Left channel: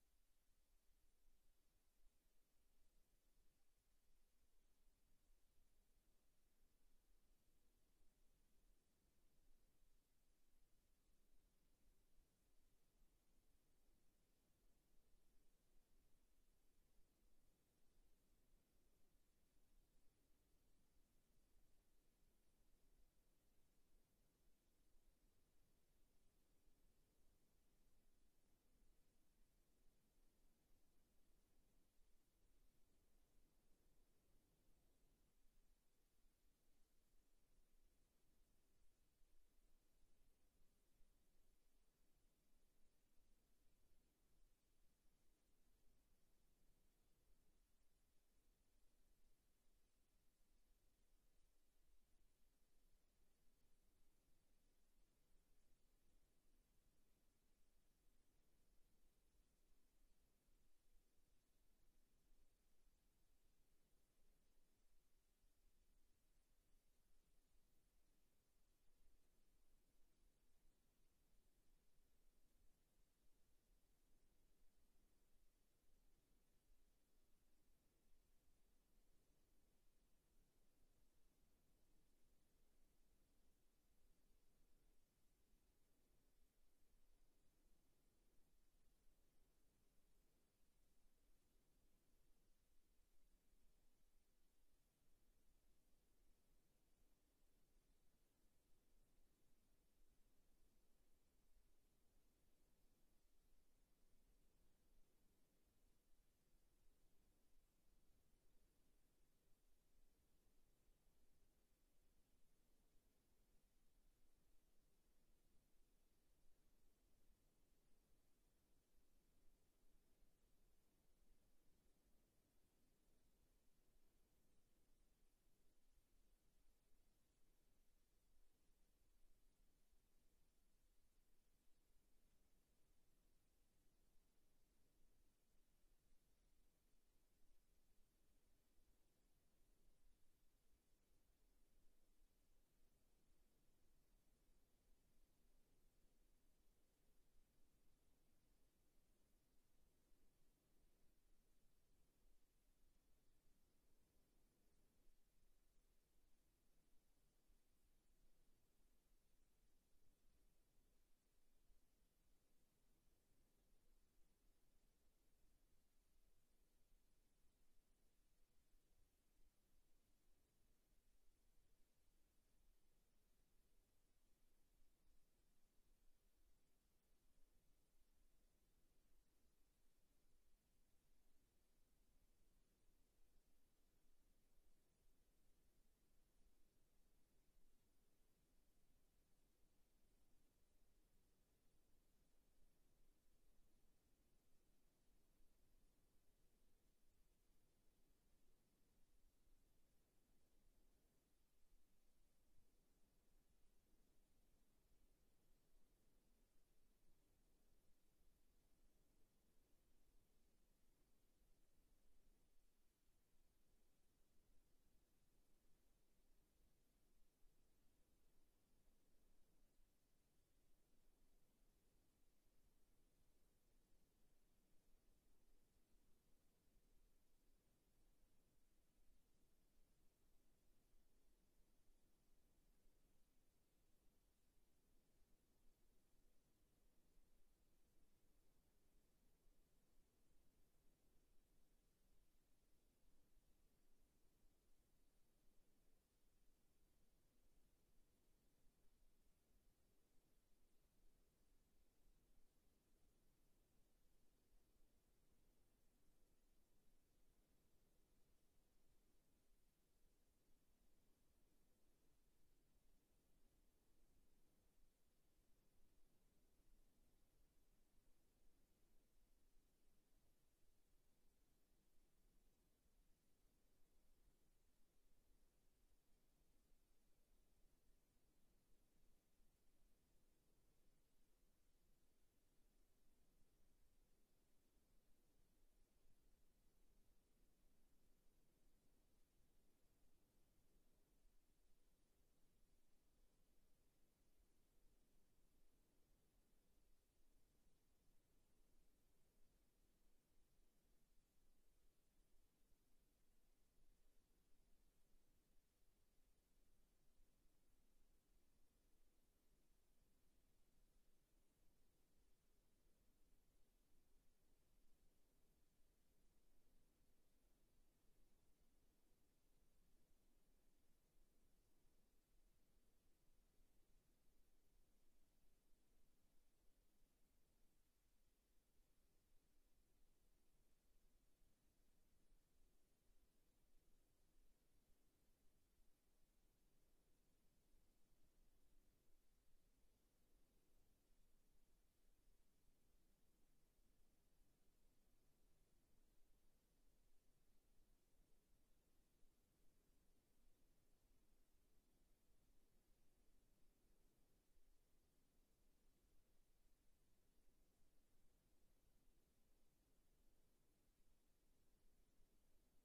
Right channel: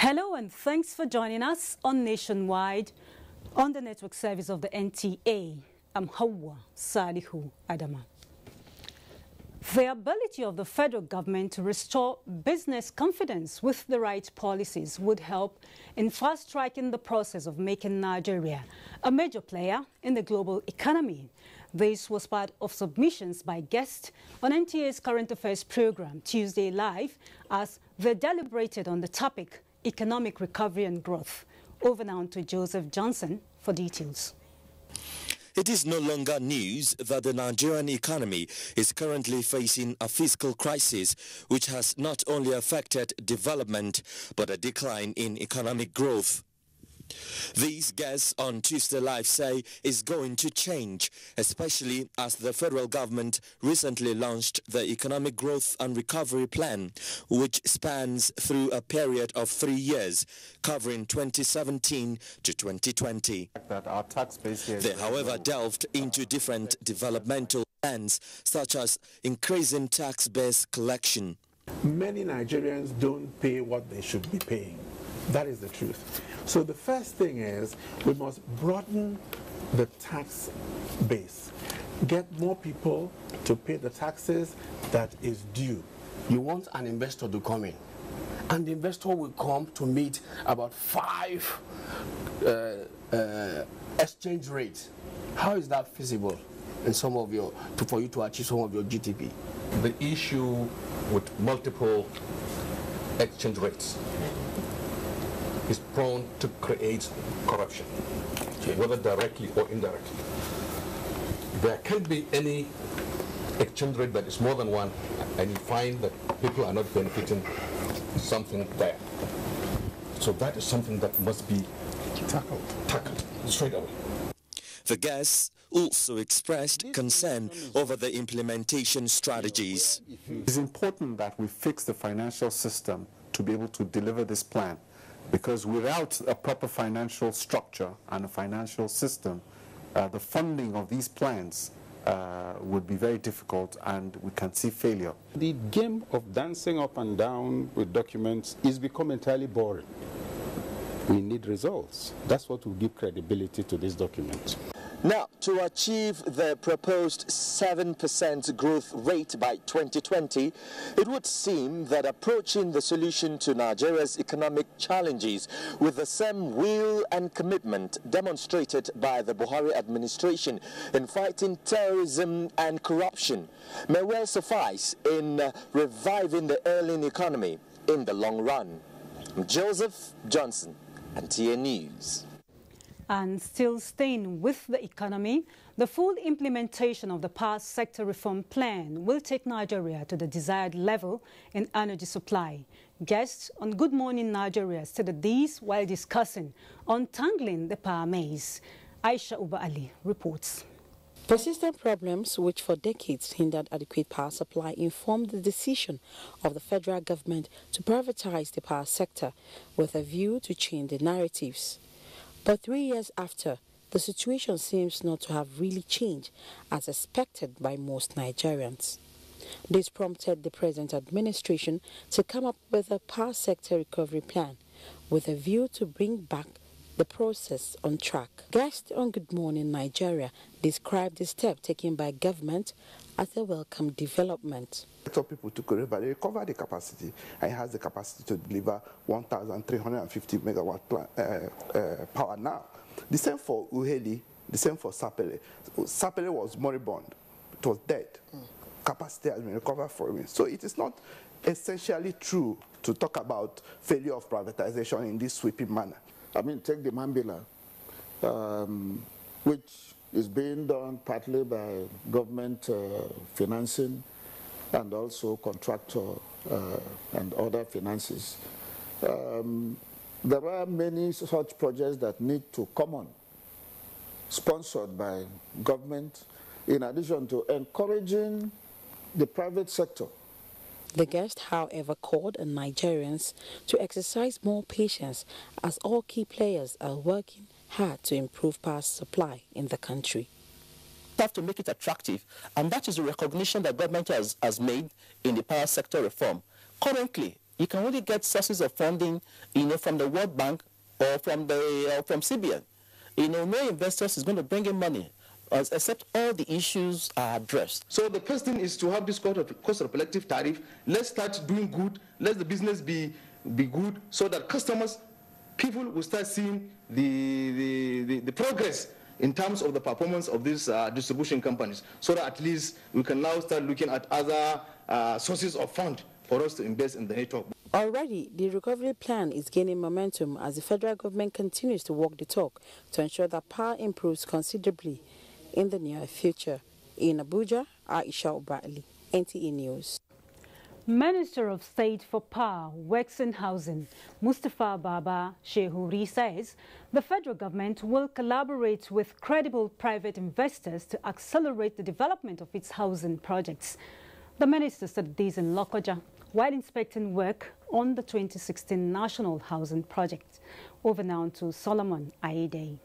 Hello and thanks for joining us on Nationwide on the network service of the NTA. I'm Hauwa, Salihu, Adama. The ability of the federal government to restore business confidence with the right policies would help in fast-tracking the process of making Nigeria a major player in the global economy. This was part of submissions by guests on NTA's Current Affairs program Tuesday Live as they deliberated on the topic economic recovery and growth. Over now to Joseph Johnson for details. It is no longer news that the Nigerian economy is currently facing a fiscal crisis which has not only affected development but a decline in economic growth. These guests on Tuesday Live say is going to change, especially as the federal government recently launched the Economic Growth and Recovery Plan, which spans through a period of 3 years, covering 2017 to 2020. They, however, delved into different developmental plans, such as increasing tax-based collection. Many Nigerians don't pay what they should be paying. That is the truth. So the first thing is we must broaden the tax base, get more people to pay the taxes that is due. You want an investor to come in, and the investor will come to meet about 5 exchange rates. How is that feasible in some of your for you to achieve some of your GDP? The issue with multiple exchange rates is prone to create corruption, whether directly or indirectly. There can't be any exchange rate that is more than one, and you find that people are not benefiting something there. So that is something that must be tackled straight away. The guests also expressed concern over the implementation strategies. It's important that we fix the financial system to be able to deliver this plan, because without a proper financial structure and a financial system, the funding of these plans would be very difficult, and we can see failure. The game of dancing up and down with documents is becoming entirely boring. We need results. That's what will give credibility to this document. Now, to achieve the proposed 7% growth rate by 2020, it would seem that approaching the solution to Nigeria's economic challenges with the same will and commitment demonstrated by the Buhari administration in fighting terrorism and corruption may well suffice in reviving the ailing economy in the long run. I'm Joseph Johnson, NTA News. And still staying with the economy, the full implementation of the power sector reform plan will take Nigeria to the desired level in energy supply. Guests on Good Morning Nigeria stated these while discussing untangling the power maze. Aisha Uba Ali reports. Persistent problems which for decades hindered adequate power supply informed the decision of the federal government to privatize the power sector with a view to change the narratives. But 3 years after, the situation seems not to have really changed as expected by most Nigerians. This prompted the present administration to come up with a power sector recovery plan with a view to bring back the process on track. Guests on Good Morning Nigeria described the step taken by government as a welcome development. People took over, they recovered the capacity, and it has the capacity to deliver 1,350 megawatt power now. The same for Uheli, the same for Sapele. Sapele was moribund, it was dead. Capacity has been recovered for it. So it is not essentially true to talk about failure of privatization in this sweeping manner. I mean, take the Mambila, which is being done partly by government financing and also contractor and other finances. There are many such projects that need to come on, sponsored by government, in addition to encouraging the private sector. The guest, however, called on Nigerians to exercise more patience as all key players are working hard to improve power supply in the country. Have to make it attractive, and that is a recognition that government has made in the power sector reform. Currently, You can only get sources of funding, from the World Bank or from CBN. No investors is going to bring in money, except all the issues are addressed. So the first thing is to have this cost of collective tariff. Let's start doing good. Let the business be good, so that people will start seeing the progress in terms of the performance of these distribution companies, so that at least we can now start looking at other sources of fund for us to invest in the network. Already, the recovery plan is gaining momentum as the federal government continues to walk the talk to ensure that power improves considerably in the near future. In Abuja, Aisha Ubali, NTA News. Minister of State for Power, Works and Housing, Mustafa Baba Shehuri says the federal government will collaborate with credible private investors to accelerate the development of its housing projects. The minister said this in Lokoja while inspecting work on the 2016 National Housing Project. Over now to Solomon Aide.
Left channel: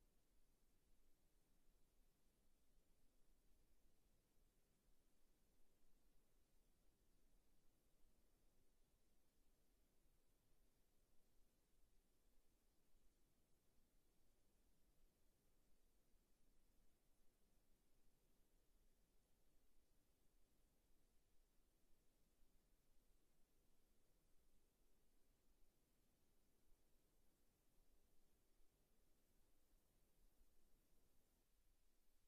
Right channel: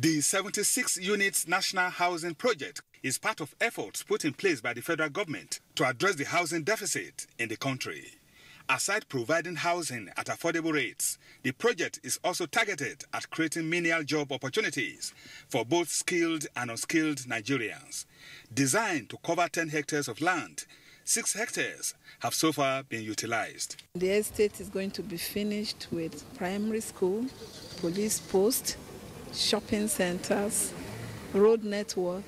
The 76 units National Housing Project is part of efforts put in place by the federal government to address the housing deficit in the country. Aside providing housing at affordable rates, the project is also targeted at creating menial job opportunities for both skilled and unskilled Nigerians. Designed to cover 10 hectares of land, 6 hectares have so far been utilized. The estate is going to be finished with primary school, police post, shopping centers, road network,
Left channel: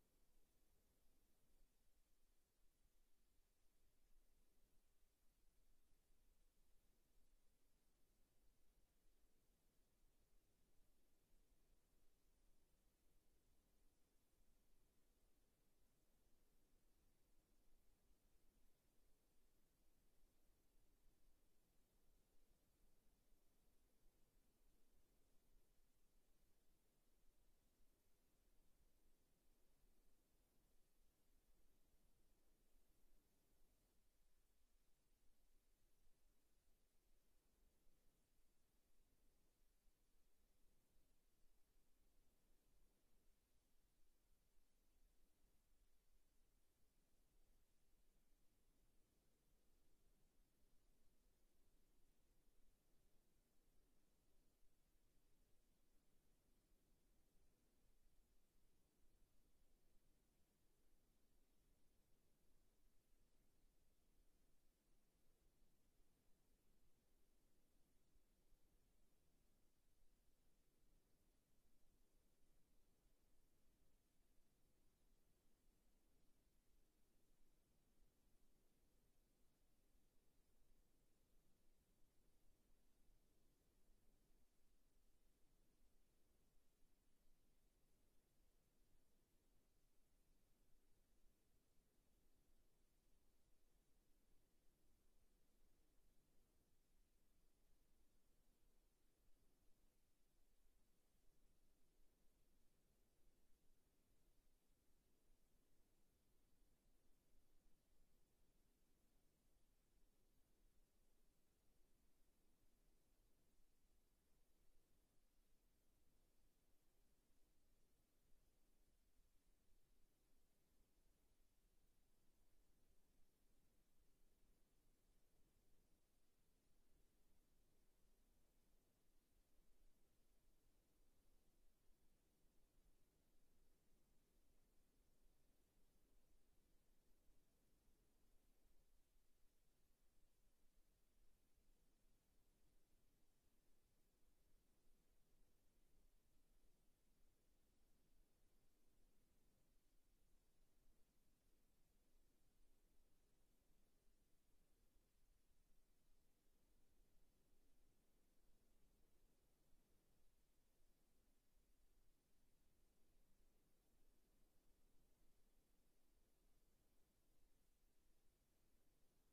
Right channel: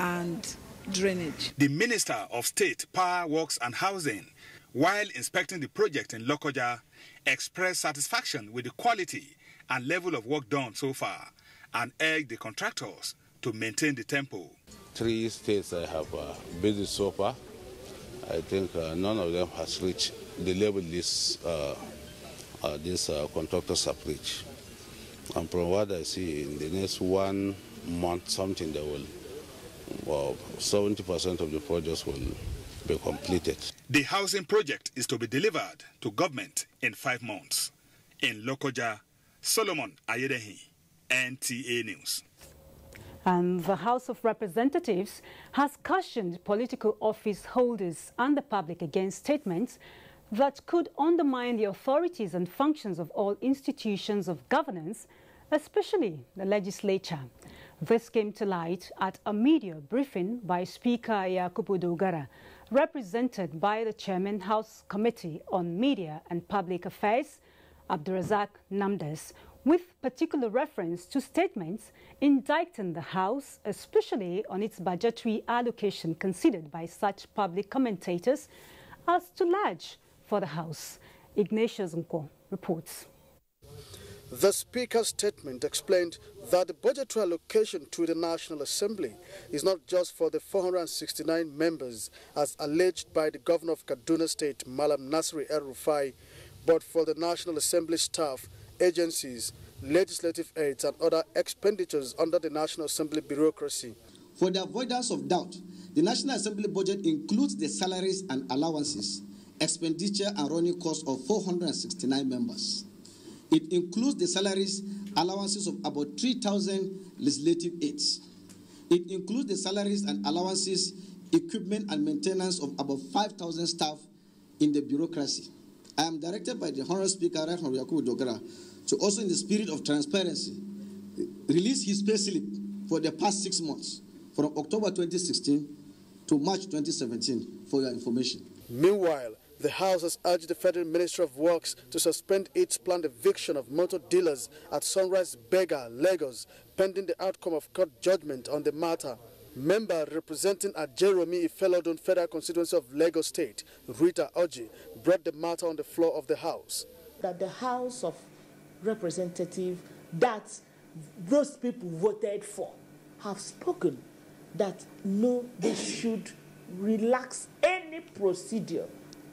and drainage. The Minister of State, Power, Works and Housing, while inspecting the project in Lokoja, expressed satisfaction with the quality and level of work done so far and urged the contractors to maintain the tempo. 3 states I have visited so far. I think none of them has reached the level these contractors have reached. And from what I see, in the next 1 month, something that will, 70% of the projects will be completed. The housing project is to be delivered to government in 5 months. In Lokoja, Solomon Ayedehi, NTA News. And the House of Representatives has cautioned political office holders and the public against statements that could undermine the authorities and functions of all institutions of governance, especially the legislature. This came to light at a media briefing by Speaker Yakubu Dogara, represented by the Chairman House Committee on Media and Public Affairs, Abdurazak Namdes, with particular reference to statements indicting the House, especially on its budgetary allocation considered by such public commentators as too large for the House. Ignatius Nko reports. The Speaker's statement explained that the budgetary allocation to the National Assembly is not just for the 469 members as alleged by the Governor of Kaduna State, Malam Nasri El-Rufai, but for the National Assembly staff, agencies, legislative aids and other expenditures under the National Assembly bureaucracy. For the avoidance of doubt, the National Assembly budget includes the salaries and allowances, expenditure and running costs of 469 members. It includes the salaries, allowances of about 3,000 legislative aides. It includes the salaries and allowances, equipment and maintenance of about 5,000 staff in the bureaucracy. I am directed by the Honorable Speaker, Right Honorable Yakubu Dogara, to also in the spirit of transparency, release his payslip for the past 6 months, from October 2016 to March 2017, for your information. Meanwhile, the House has urged the Federal Ministry of Works to suspend its planned eviction of motor dealers at Sunrise Bega, Lagos, pending the outcome of court judgment on the matter. Member representing Ajeromi Ifelodun Federal Constituency of Lagos State, Rita Oji, brought the matter on the floor of the House. That the House of Representatives that those people voted for have spoken that no, they should relax any procedure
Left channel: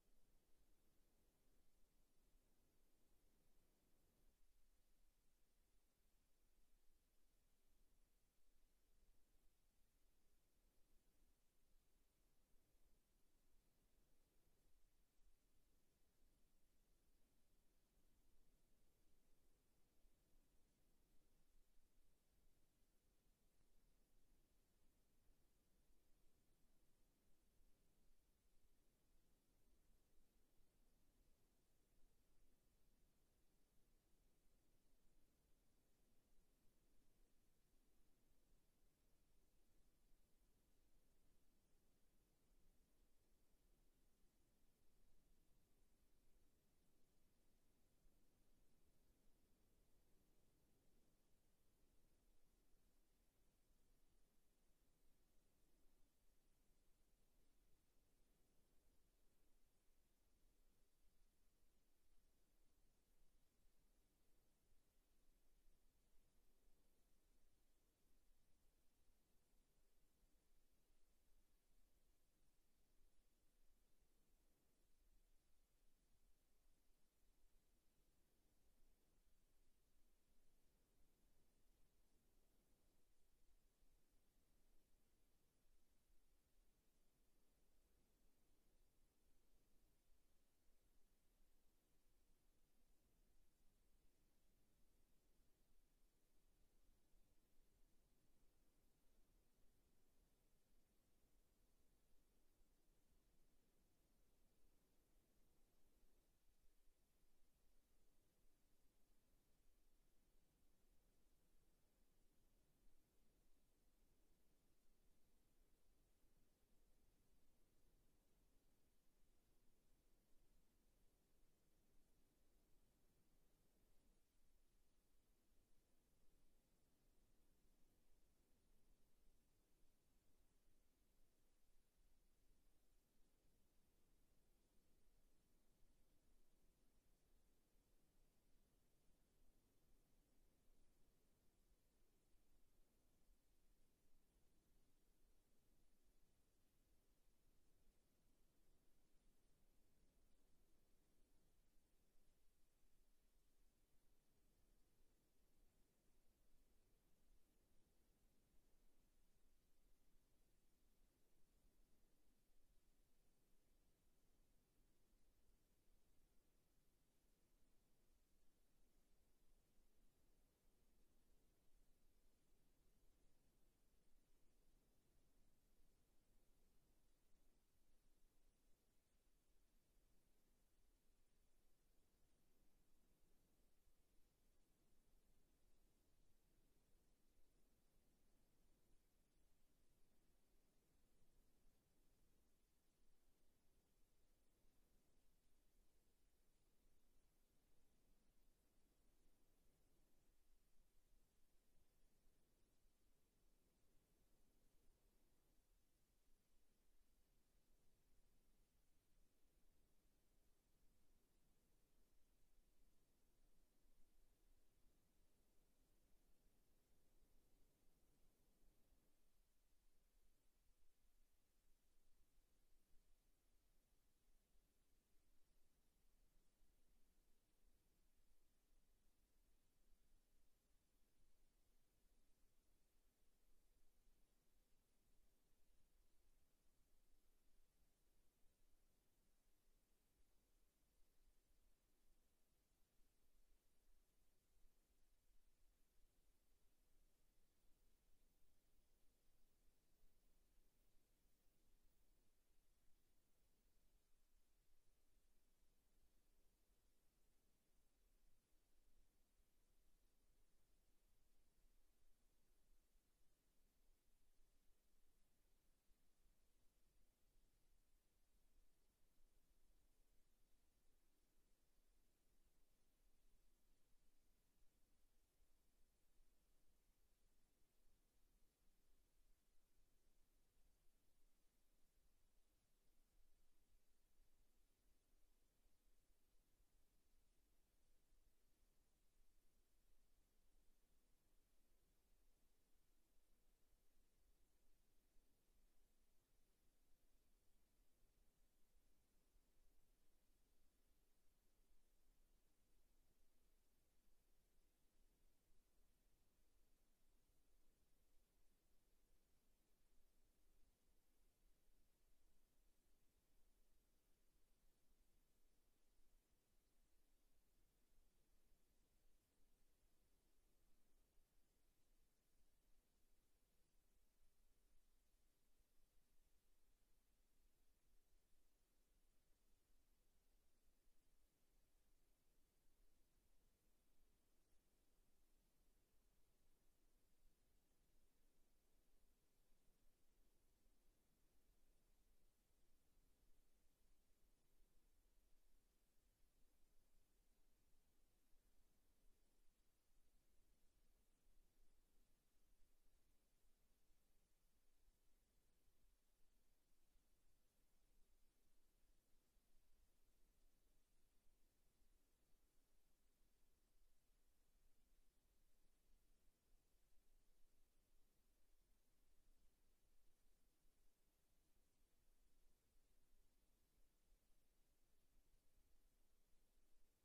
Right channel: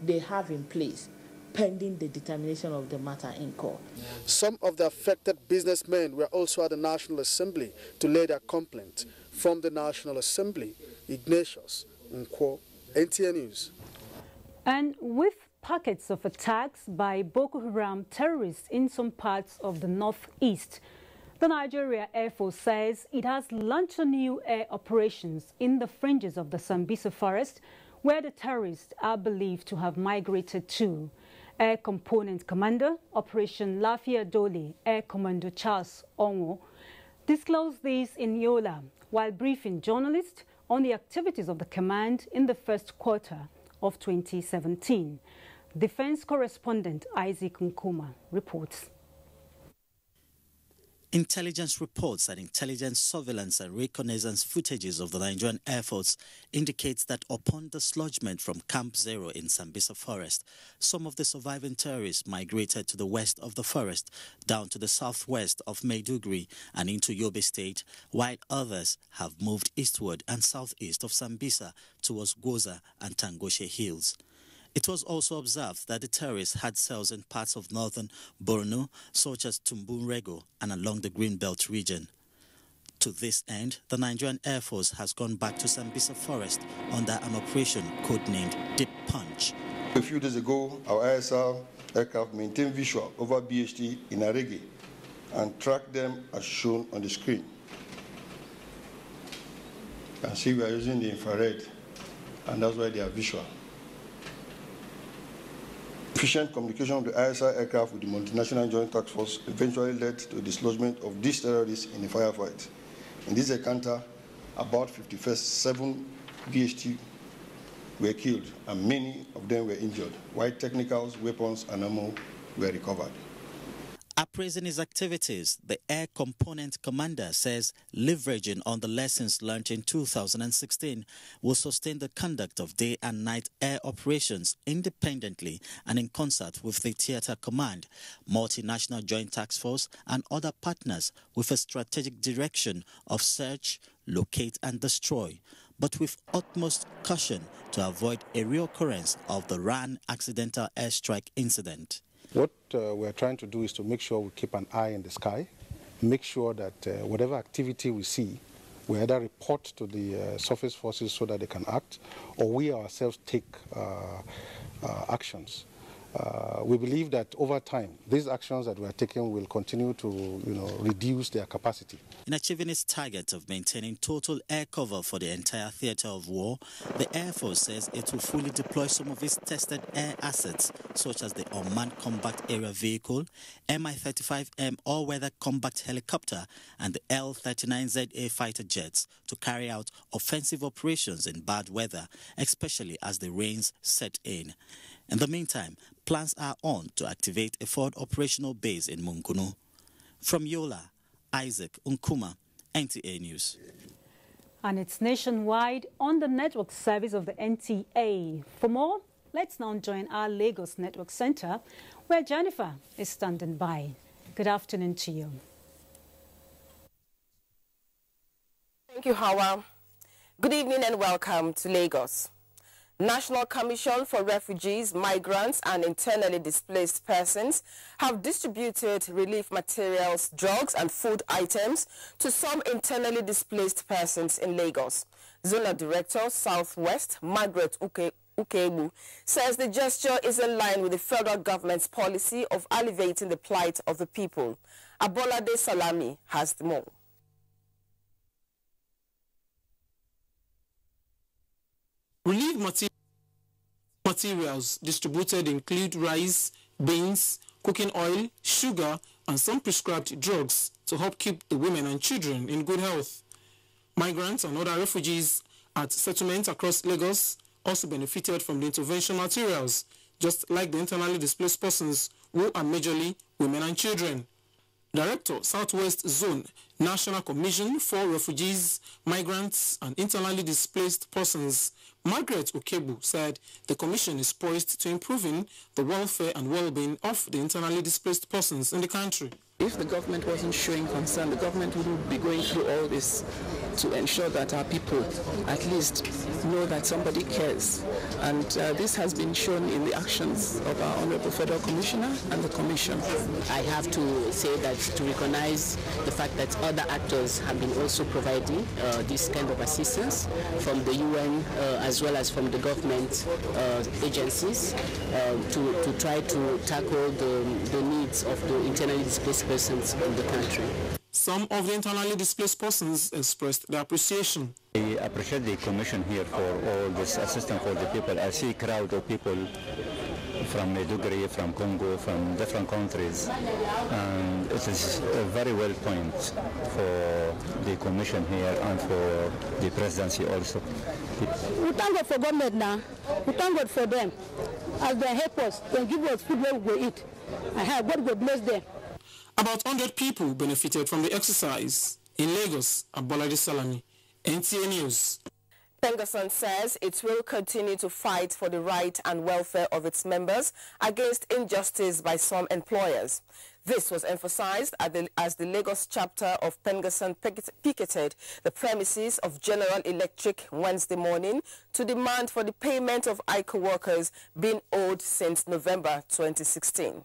they have in place pending the determination of the matter in court. Some of the affected businessmen were also at the National Assembly to lay their complaint. From the National Assembly, Ignatius Nkwo, NTA News. And with pockets of attacks by Boko Haram terrorists in some parts of the northeast, the Nigeria Air Force says it has launched new air operations in the fringes of the Sambisa forest, where the terrorists are believed to have migrated to. Air Component Commander, Operation Lafia Dole, Air Commando Charles Onwo, disclosed this in Yola while briefing journalists on the activities of the command in the first quarter of 2017. Defense correspondent Isaac Nkuma reports. Intelligence reports and intelligence surveillance and reconnaissance footages of the Nigerian Air Force indicates that upon dislodgement from Camp Zero in Sambisa Forest, some of the surviving terrorists migrated to the west of the forest, down to the southwest of Maiduguri and into Yobe State, while others have moved eastward and southeast of Sambisa towards Goza and Tangoshe Hills. It was also observed that the terrorists had cells in parts of northern Borno, such as Tumbunrego and along the Greenbelt region. To this end, the Nigerian Air Force has gone back to Sambisa Forest under an operation codenamed Deep Punch. A few days ago, our ISR aircraft maintained visual over BHT in Arege and tracked them as shown on the screen. You can see we are using the infrared, and that's why they are visual. Efficient communication of the ISR aircraft with the multinational joint task force eventually led to the dislodgement of these terrorists in a firefight. In this encounter, about 57 VHT were killed and many of them were injured, while technicals, weapons and ammo were recovered. Appraising his activities, the Air Component Commander says leveraging on the lessons learned in 2016 will sustain the conduct of day and night air operations independently and in concert with the Theatre Command, Multinational Joint Task Force and other partners with a strategic direction of search, locate and destroy, but with utmost caution to avoid a reoccurrence of the RAN accidental airstrike incident. What we're trying to do is to make sure we keep an eye in the sky, make sure that whatever activity we see, we either report to the surface forces so that they can act, or we ourselves take actions. We believe that over time, these actions that we are taking will continue to, reduce their capacity. In achieving its target of maintaining total air cover for the entire theatre of war, the Air Force says it will fully deploy some of its tested air assets, such as the Unmanned Combat Area Vehicle, Mi-35M all-weather combat helicopter, and the L-39ZA fighter jets to carry out offensive operations in bad weather, especially as the rains set in. In the meantime, plans are on to activate a forward operational base in Mungunu. From Yola, Isaac Nkuma, NTA News. And it's nationwide on the network service of the NTA. For more, let's now join our Lagos Network Center, where Jennifer is standing by. Good afternoon to you. Thank you, Hauwa. Good evening and welcome to Lagos. National Commission for Refugees, Migrants and Internally Displaced Persons have distributed relief materials, drugs and food items to some internally displaced persons in Lagos. Zonal Director, Southwest, Margaret Ukebu, says the gesture is in line with the federal government's policy of alleviating the plight of the people. Abolade Salami has more. Relief materials distributed include rice, beans, cooking oil, sugar, and some prescribed drugs to help keep the women and children in good health. Migrants and other refugees at settlements across Lagos also benefited from the intervention materials, just like the internally displaced persons who are majorly women and children. Director, Southwest Zone, National Commission for Refugees, Migrants and Internally Displaced Persons, Margaret Ukebu, said the commission is poised to improving the welfare and well-being of the internally displaced persons in the country. If the government wasn't showing concern, the government wouldn't be going through all this to ensure that our people at least know that somebody cares. And this has been shown in the actions of our Honorable Federal Commissioner and the Commission. I have to say that to recognize the fact that other actors have been also providing this kind of assistance from the UN as well as from the government agencies to try to tackle the needs of the internally displaced persons in the country. Some of the internally displaced persons expressed their appreciation. I appreciate the commission here for all this assistance for the people. I see a crowd of people from Maiduguri, from Congo, from different countries, and it is a very well point for the commission here and for the presidency also. We thank God for government now. We thank God for them. As they help us, they give us food where we go eat. I have God will bless them. About 100 people benefited from the exercise. In Lagos, Abolade Salami, NTA News. Pengassan says it will continue to fight for the right and welfare of its members against injustice by some employers. This was emphasized as the Lagos chapter of Pengassan picketed the premises of General Electric Wednesday morning to demand for the payment of ICO workers being owed since November 2016.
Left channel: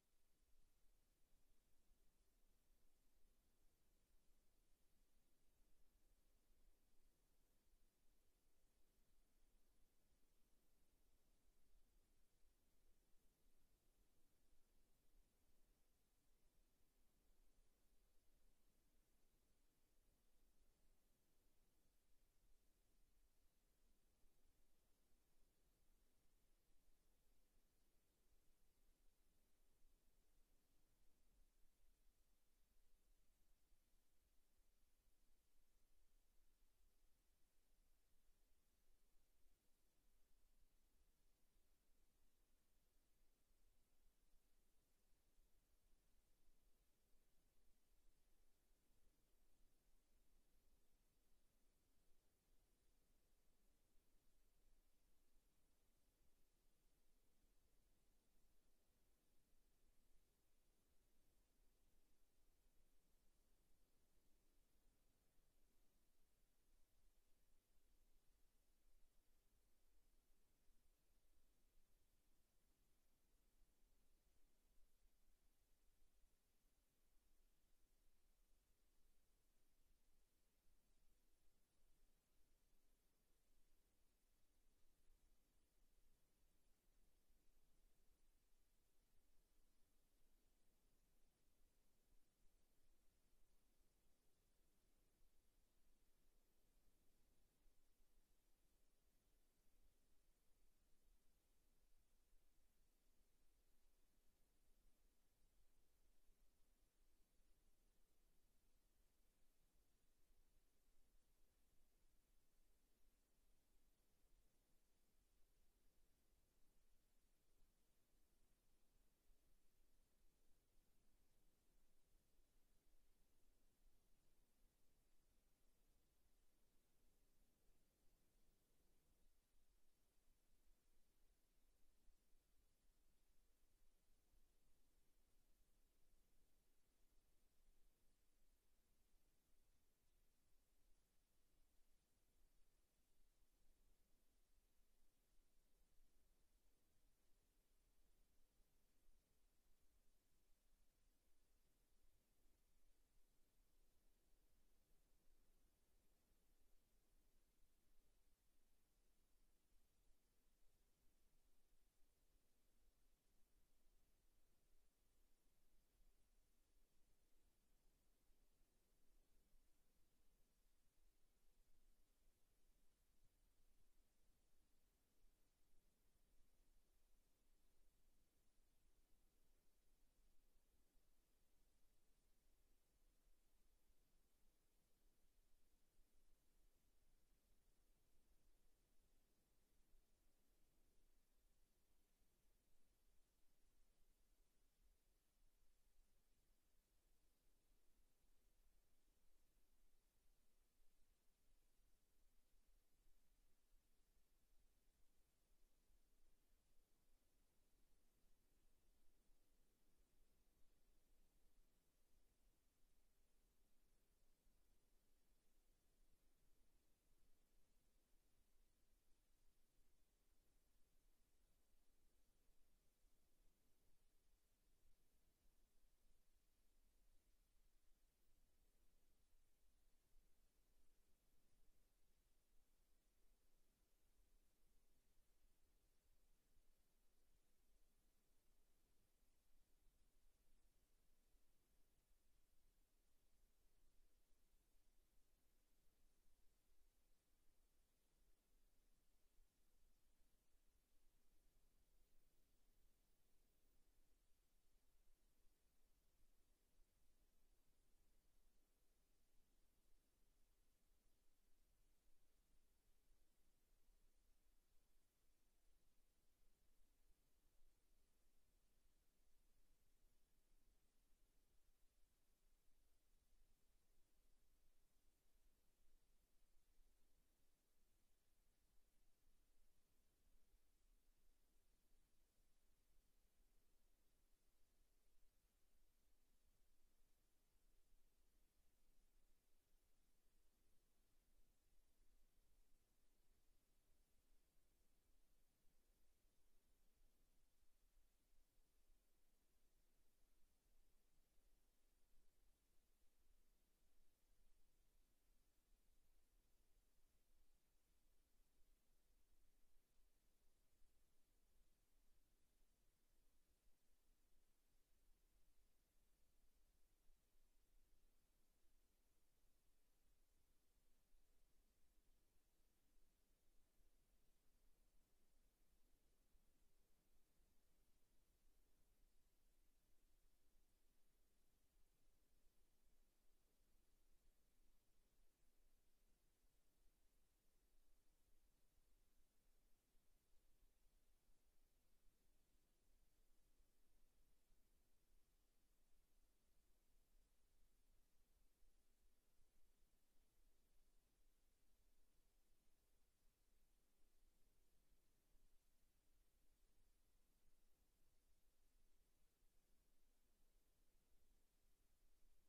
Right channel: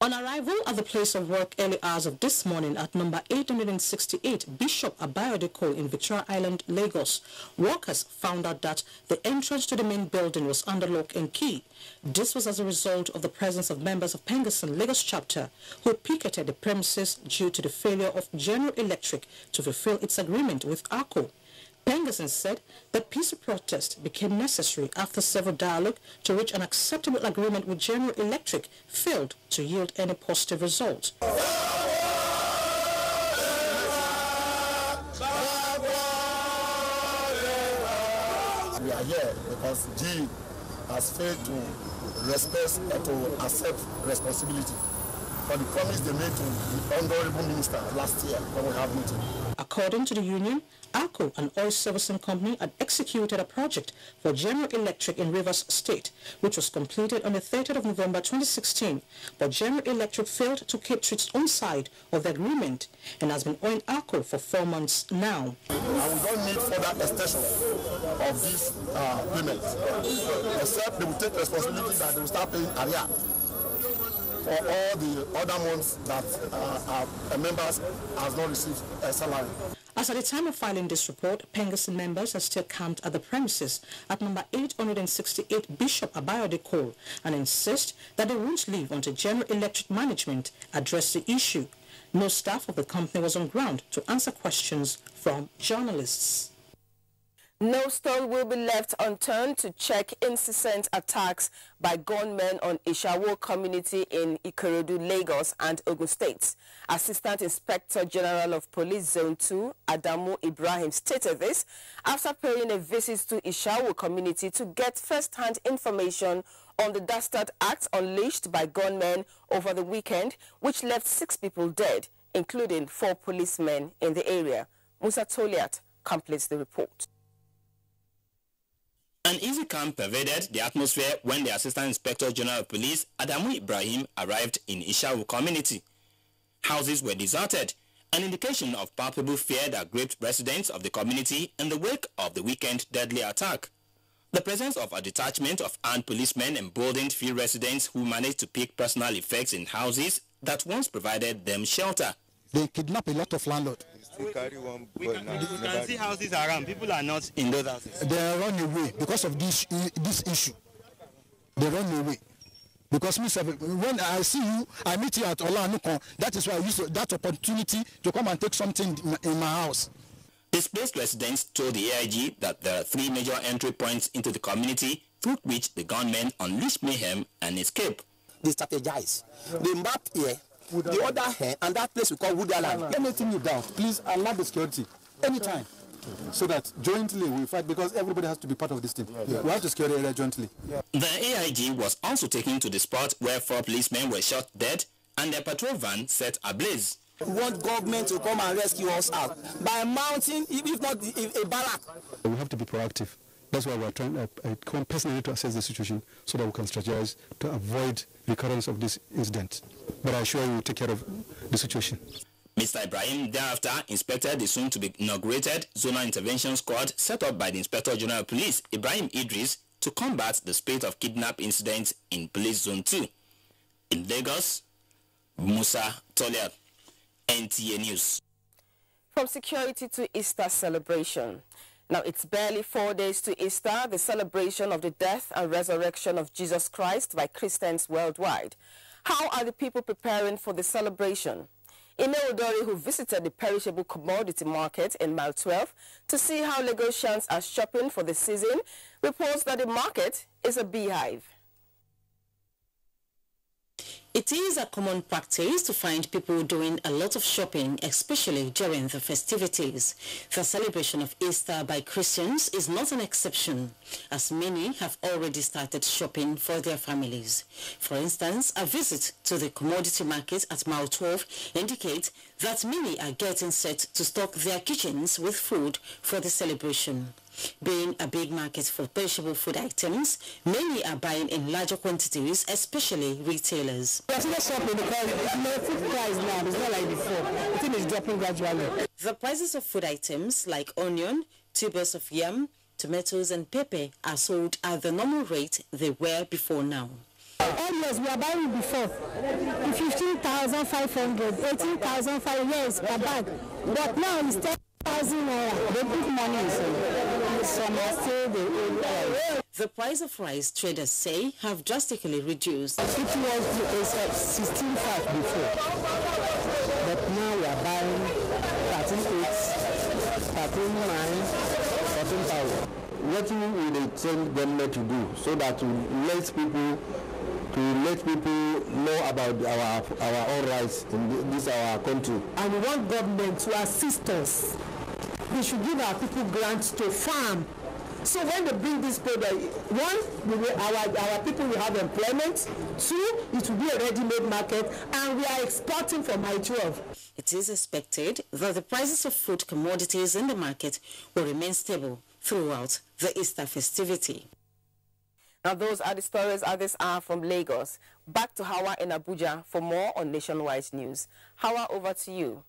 On arrival at the place of work early hours of this morning at number 868 Bishop Abayode Cole in Victoria Island, Lagos, workers found out that the entrance to the main building was under lock and key. This was as a result of the presence of members of Pengassan Lagos chapter who picketed the premises due to the failure of General Electric to fulfill its agreement with ARCO. Pengassan said that peaceful protest became necessary after several dialogue to reach an acceptable agreement with General Electric failed to yield any positive result. We are here because G has failed to respect and to accept responsibility for the promise they made to the Honorable Minister last year when we have meeting. According to the union, ARCO, an oil servicing company, had executed a project for General Electric in Rivers State, which was completed on the 30th of November 2016, but General Electric failed to keep to its own side of the agreement and has been owing ARCO for 4 months now. And we don't need further extension of this payment, except they will take responsibility that they will start paying area for all the other months that our members has not received a salary. As at the time of filing this report, Pengassan members are still camped at the premises at number 868 Bishop Abayode Cole and insist that they won't leave until General Electric management address the issue. No staff of the company was on ground to answer questions from journalists. No stone will be left unturned to check incessant attacks by gunmen on Ishawo community in Ikorodu, Lagos and Ogun States. Assistant Inspector General of Police Zone 2, Adamu Ibrahim, stated this after paying a visit to Ishawo community to get first-hand information on the dastard acts unleashed by gunmen over the weekend, which left 6 people dead, including 4 policemen in the area. Musa Toliat completes the report. An easy calm pervaded the atmosphere when the Assistant Inspector General of Police, Adamu Ibrahim, arrived in Ishawu community. Houses were deserted, an indication of palpable fear that gripped residents of the community in the wake of the weekend deadly attack. The presence of a detachment of armed policemen emboldened few residents who managed to pick personal effects in houses that once provided them shelter. They kidnap a lot of landlords. We can see houses around. People are not in those houses. They run away because of this issue. They run away. Because when I see you, I meet you at Olanukon. That is why I use that opportunity to come and take something in my house. Displaced residents told the AIG that there are 3 major entry points into the community through which the gunmen unleashed mayhem and escape. They strategize. They map here. The other hand, and that place we call Wood Island. Anything you doubt, please allow the security anytime, so that jointly we fight, because everybody has to be part of this team. We have to secure the area jointly. The AIG was also taken to the spot where 4 policemen were shot dead and their patrol van set ablaze. We want government to come and rescue us out by mounting, if not a barrack. We have to be proactive. That's why we're trying. I come personally to assess the situation so that we can strategize to avoid recurrence of this incident. But I assure you we'll take care of the situation. Mr. Ibrahim thereafter inspected the soon-to-be inaugurated Zonal Intervention Squad set up by the Inspector General of Police, Ibrahim Idris, to combat the spate of kidnap incidents in Police Zone 2. In Lagos, Musa Toliat, NTA News. From security to Easter celebration. Now, it's barely 4 days to Easter, the celebration of the death and resurrection of Jesus Christ by Christians worldwide. How are the people preparing for the celebration? Ineodori, who visited the perishable commodity market in Mile 12 to see how Lagosians are shopping for the season, reports that the market is a beehive. It is a common practice to find people doing a lot of shopping, especially during the festivities. The celebration of Easter by Christians is not an exception, as many have already started shopping for their families. For instance, a visit to the commodity market at Mile 12 indicates that many are getting set to stock their kitchens with food for the celebration. Being a big market for perishable food items, many are buying in larger quantities, especially retailers. We are still shopping because the food price now is not like before. The thing is dropping gradually. The prices of food items like onion, tubers of yam, tomatoes and pepper are sold at the normal rate they were before now. Yes, we are buying before 15,500, 18,500 years per bag, but now it's 10,000 naira. They put money in some are still the price of rice, traders say, have drastically reduced. It was 16,500 before, but now we are buying 13,800, 13,900, 14,000. What will the change government to do so that to let people know about our own rights in this our country? And we want government to assist us. They should give our people grants to farm. So when they bring this product, one, our people will have employment. Two, it will be a ready-made market, and we are exporting from Mile 12. It is expected that the prices of food commodities in the market will remain stable throughout the Easter festivity. Now those are the stories at this hour from Lagos. Back to Hauwa in Abuja for more on Nationwide News. Hauwa, over to you.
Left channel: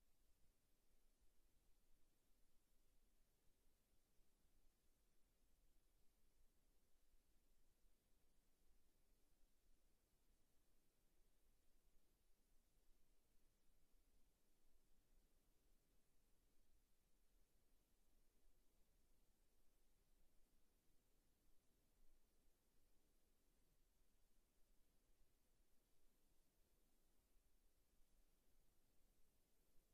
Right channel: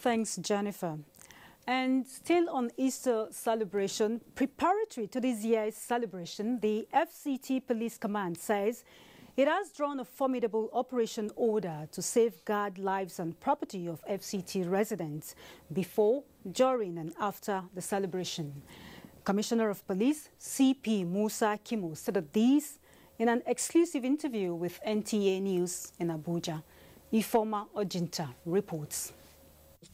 Thanks, Jennifer. And still on Easter celebration, preparatory to this year's celebration, the FCT Police Command says it has drawn a formidable operation order to safeguard lives and property of FCT residents before, during and after the celebration. Commissioner of Police CP Musa Kimo said of these in an exclusive interview with NTA News in Abuja. Ifoma Ojinta reports.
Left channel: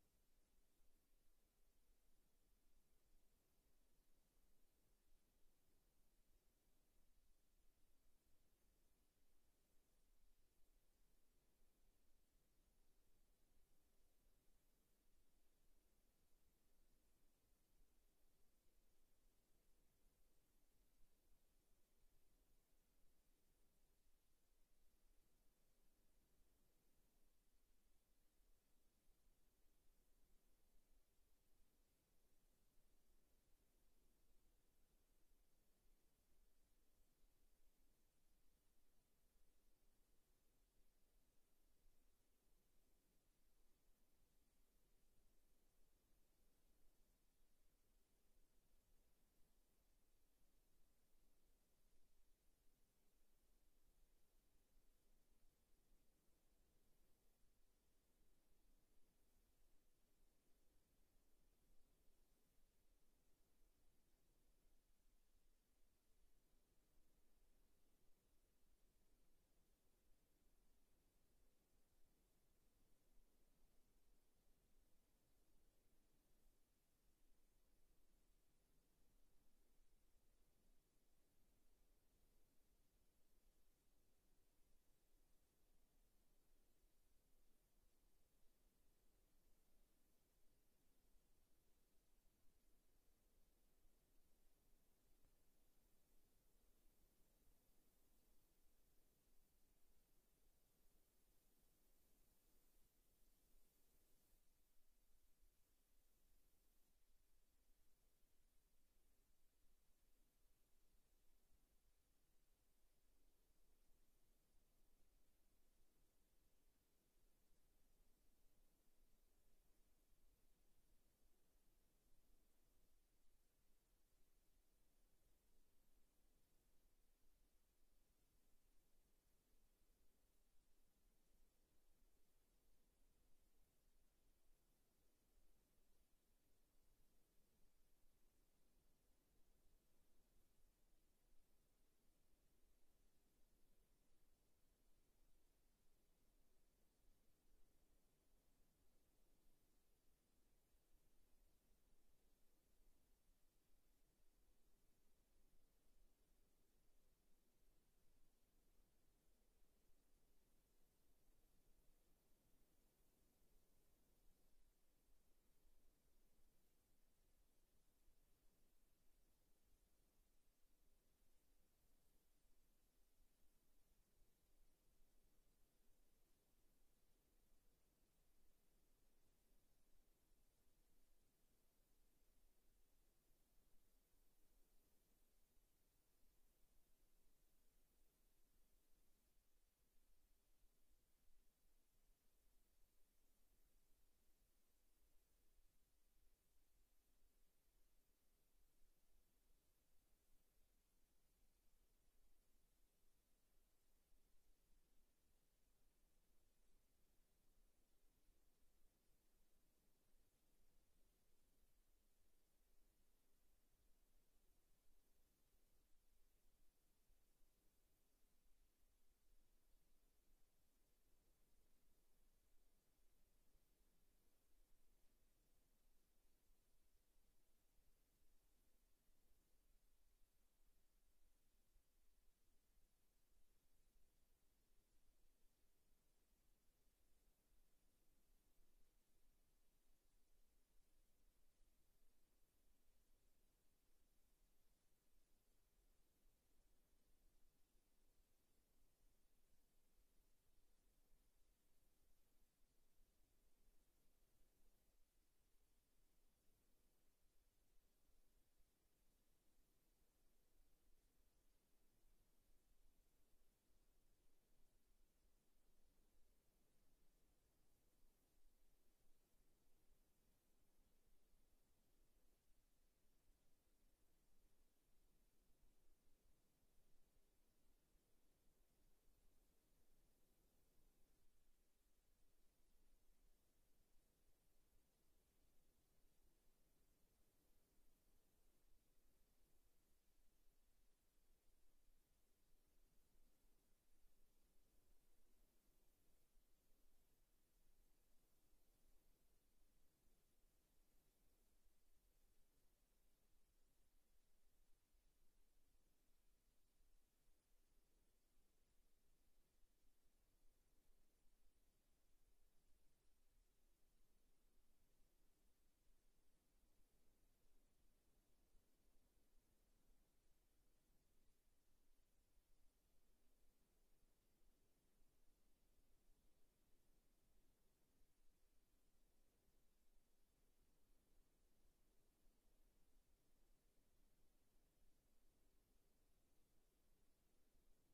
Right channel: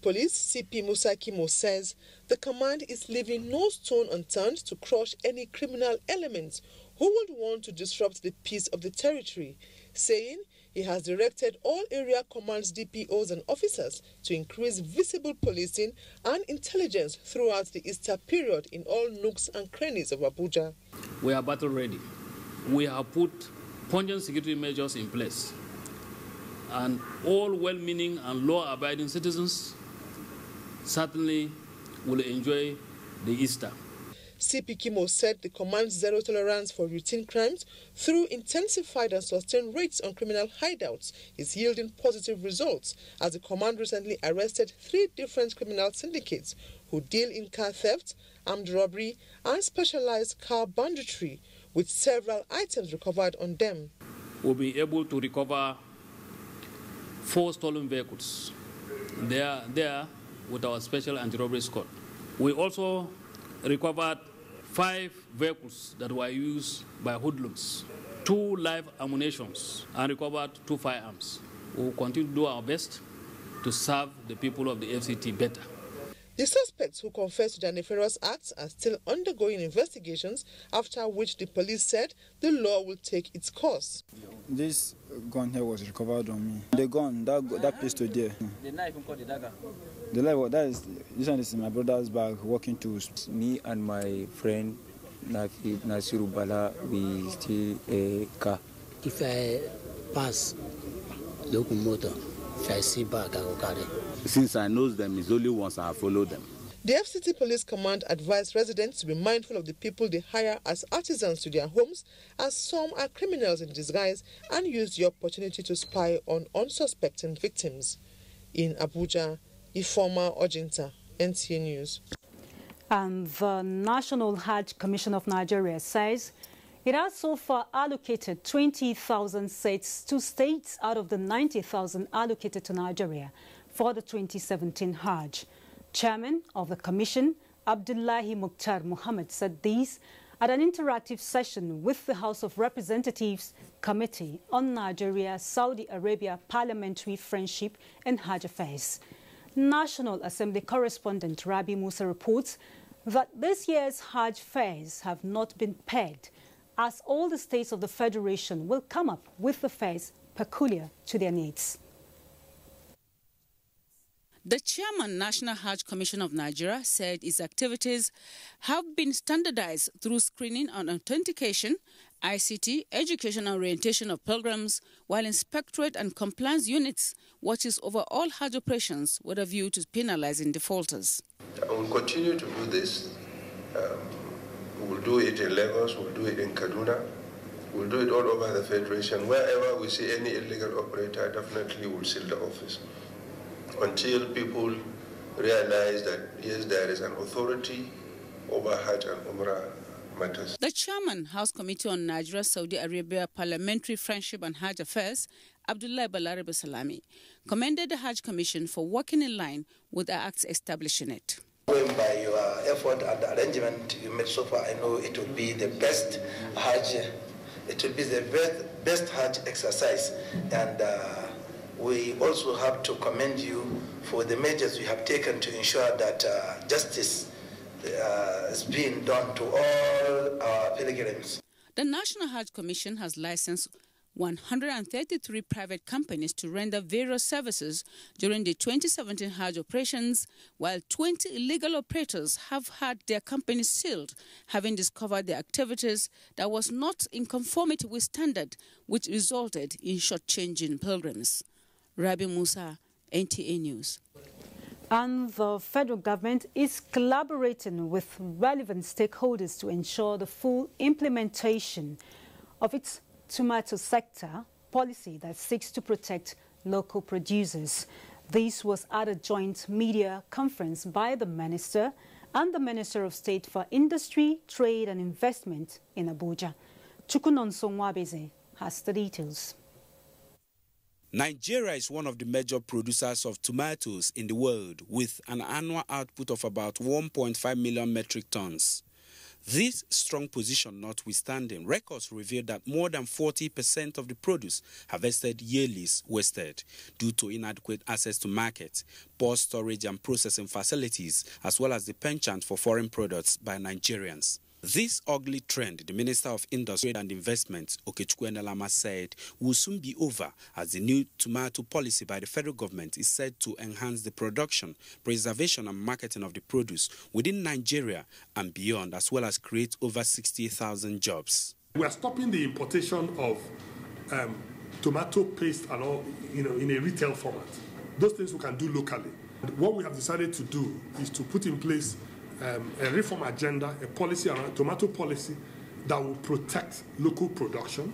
Police CP Musa Kimo says the command is leaving no stone unturned to crush any criminal elements who would want to disrupt the peace of the territory, saying he has directed all area commands, DPOs and officers to increase visible policing and intelligence throughout the Easter period in all nooks and crannies of Abuja. We are battle ready. We have put pungent security measures in place, and all well-meaning and law-abiding citizens certainly will enjoy the Easter. CP Kimo said the command's zero tolerance for routine crimes through intensified and sustained raids on criminal hideouts is yielding positive results, as the command recently arrested 3 different criminal syndicates who deal in car theft, armed robbery and specialized car banditry, with several items recovered on them. We'll be able to recover 4 stolen vehicles. They are there with our special anti-robbery squad. We also recovered 5 vehicles that were used by hoodlums, 2 live ammunitions, and recovered 2 firearms. We will continue to do our best to serve the people of the FCT better. The suspects who confessed to their nefarious acts are still undergoing investigations, after which the police said the law will take its course. This gun here was recovered on me. The gun, that pistol there. The knife, called the dagger. The knife, this one is in my brother's bag, working tools. Me and my friend Nasiru Bala, we steal a car. If I pass locomotive, if I see back, I will carry. Since I know them, it's only once I follow them. The FCT Police Command advised residents to be mindful of the people they hire as artisans to their homes, as some are criminals in disguise and use the opportunity to spy on unsuspecting victims. In Abuja, Ifoma Ojinta, NTA News. And the National Hajj Commission of Nigeria says it has so far allocated 20,000 seats to states out of the 90,000 allocated to Nigeria for the 2017 Hajj. Chairman of the Commission, Abdullahi Mukhtar Mohammed, said these at an interactive session with the House of Representatives Committee on Nigeria-Saudi Arabia Parliamentary Friendship and Hajj Affairs. National Assembly correspondent Rabi Musa reports that this year's Hajj fares have not been pegged, as all the states of the Federation will come up with the fares peculiar to their needs. The chairman, National Hajj Commission of Nigeria, said its activities have been standardized through screening and authentication, ICT, education and orientation of pilgrims, while inspectorate and compliance units watches over all Hajj operations with a view to penalizing defaulters. I will continue to do this. We will do it in Lagos, we'll do it in Kaduna, we'll do it all over the Federation. Wherever we see any illegal operator, definitely we'll seal the office, until people realize that, yes, there is an authority over Hajj and Umrah matters. The chairman, House Committee on Nigeria-Saudi Arabia Parliamentary Friendship and Hajj Affairs, Abdullah Balarabe Salami, commended the Hajj Commission for working in line with the acts establishing it. Going by your effort and the arrangement you made so far, I know it will be the best Hajj, it will be the best Hajj exercise. And we also have to commend you for the measures you have taken to ensure that justice is being done to all our pilgrims. The National Hajj Commission has licensed 133 private companies to render various services during the 2017 Hajj operations, while 20 illegal operators have had their companies sealed, having discovered their activities that was not in conformity with standard, which resulted in shortchanging pilgrims. Rabi Musa, NTA News. And the federal government is collaborating with relevant stakeholders to ensure the full implementation of its tomato sector policy that seeks to protect local producers. This was at a joint media conference by the Minister and the Minister of State for Industry, Trade and Investment in Abuja. Chukunonso Nwabeze has the details. Nigeria is one of the major producers of tomatoes in the world, with an annual output of about 1.5 million metric tons. This strong position notwithstanding, records reveal that more than 40% of the produce harvested yearly is wasted due to inadequate access to markets, poor storage and processing facilities, as well as the penchant for foreign products by Nigerians. This ugly trend, the Minister of Industry and Investment, Okechukwu Enelama, said will soon be over, as the new tomato policy by the federal government is said to enhance the production, preservation and marketing of the produce within Nigeria and beyond, as well as create over 60,000 jobs. We are stopping the importation of tomato paste and all, in a retail format. Those things we can do locally. What we have decided to do is to put in place a reform agenda, a policy around tomato policy that will protect local production,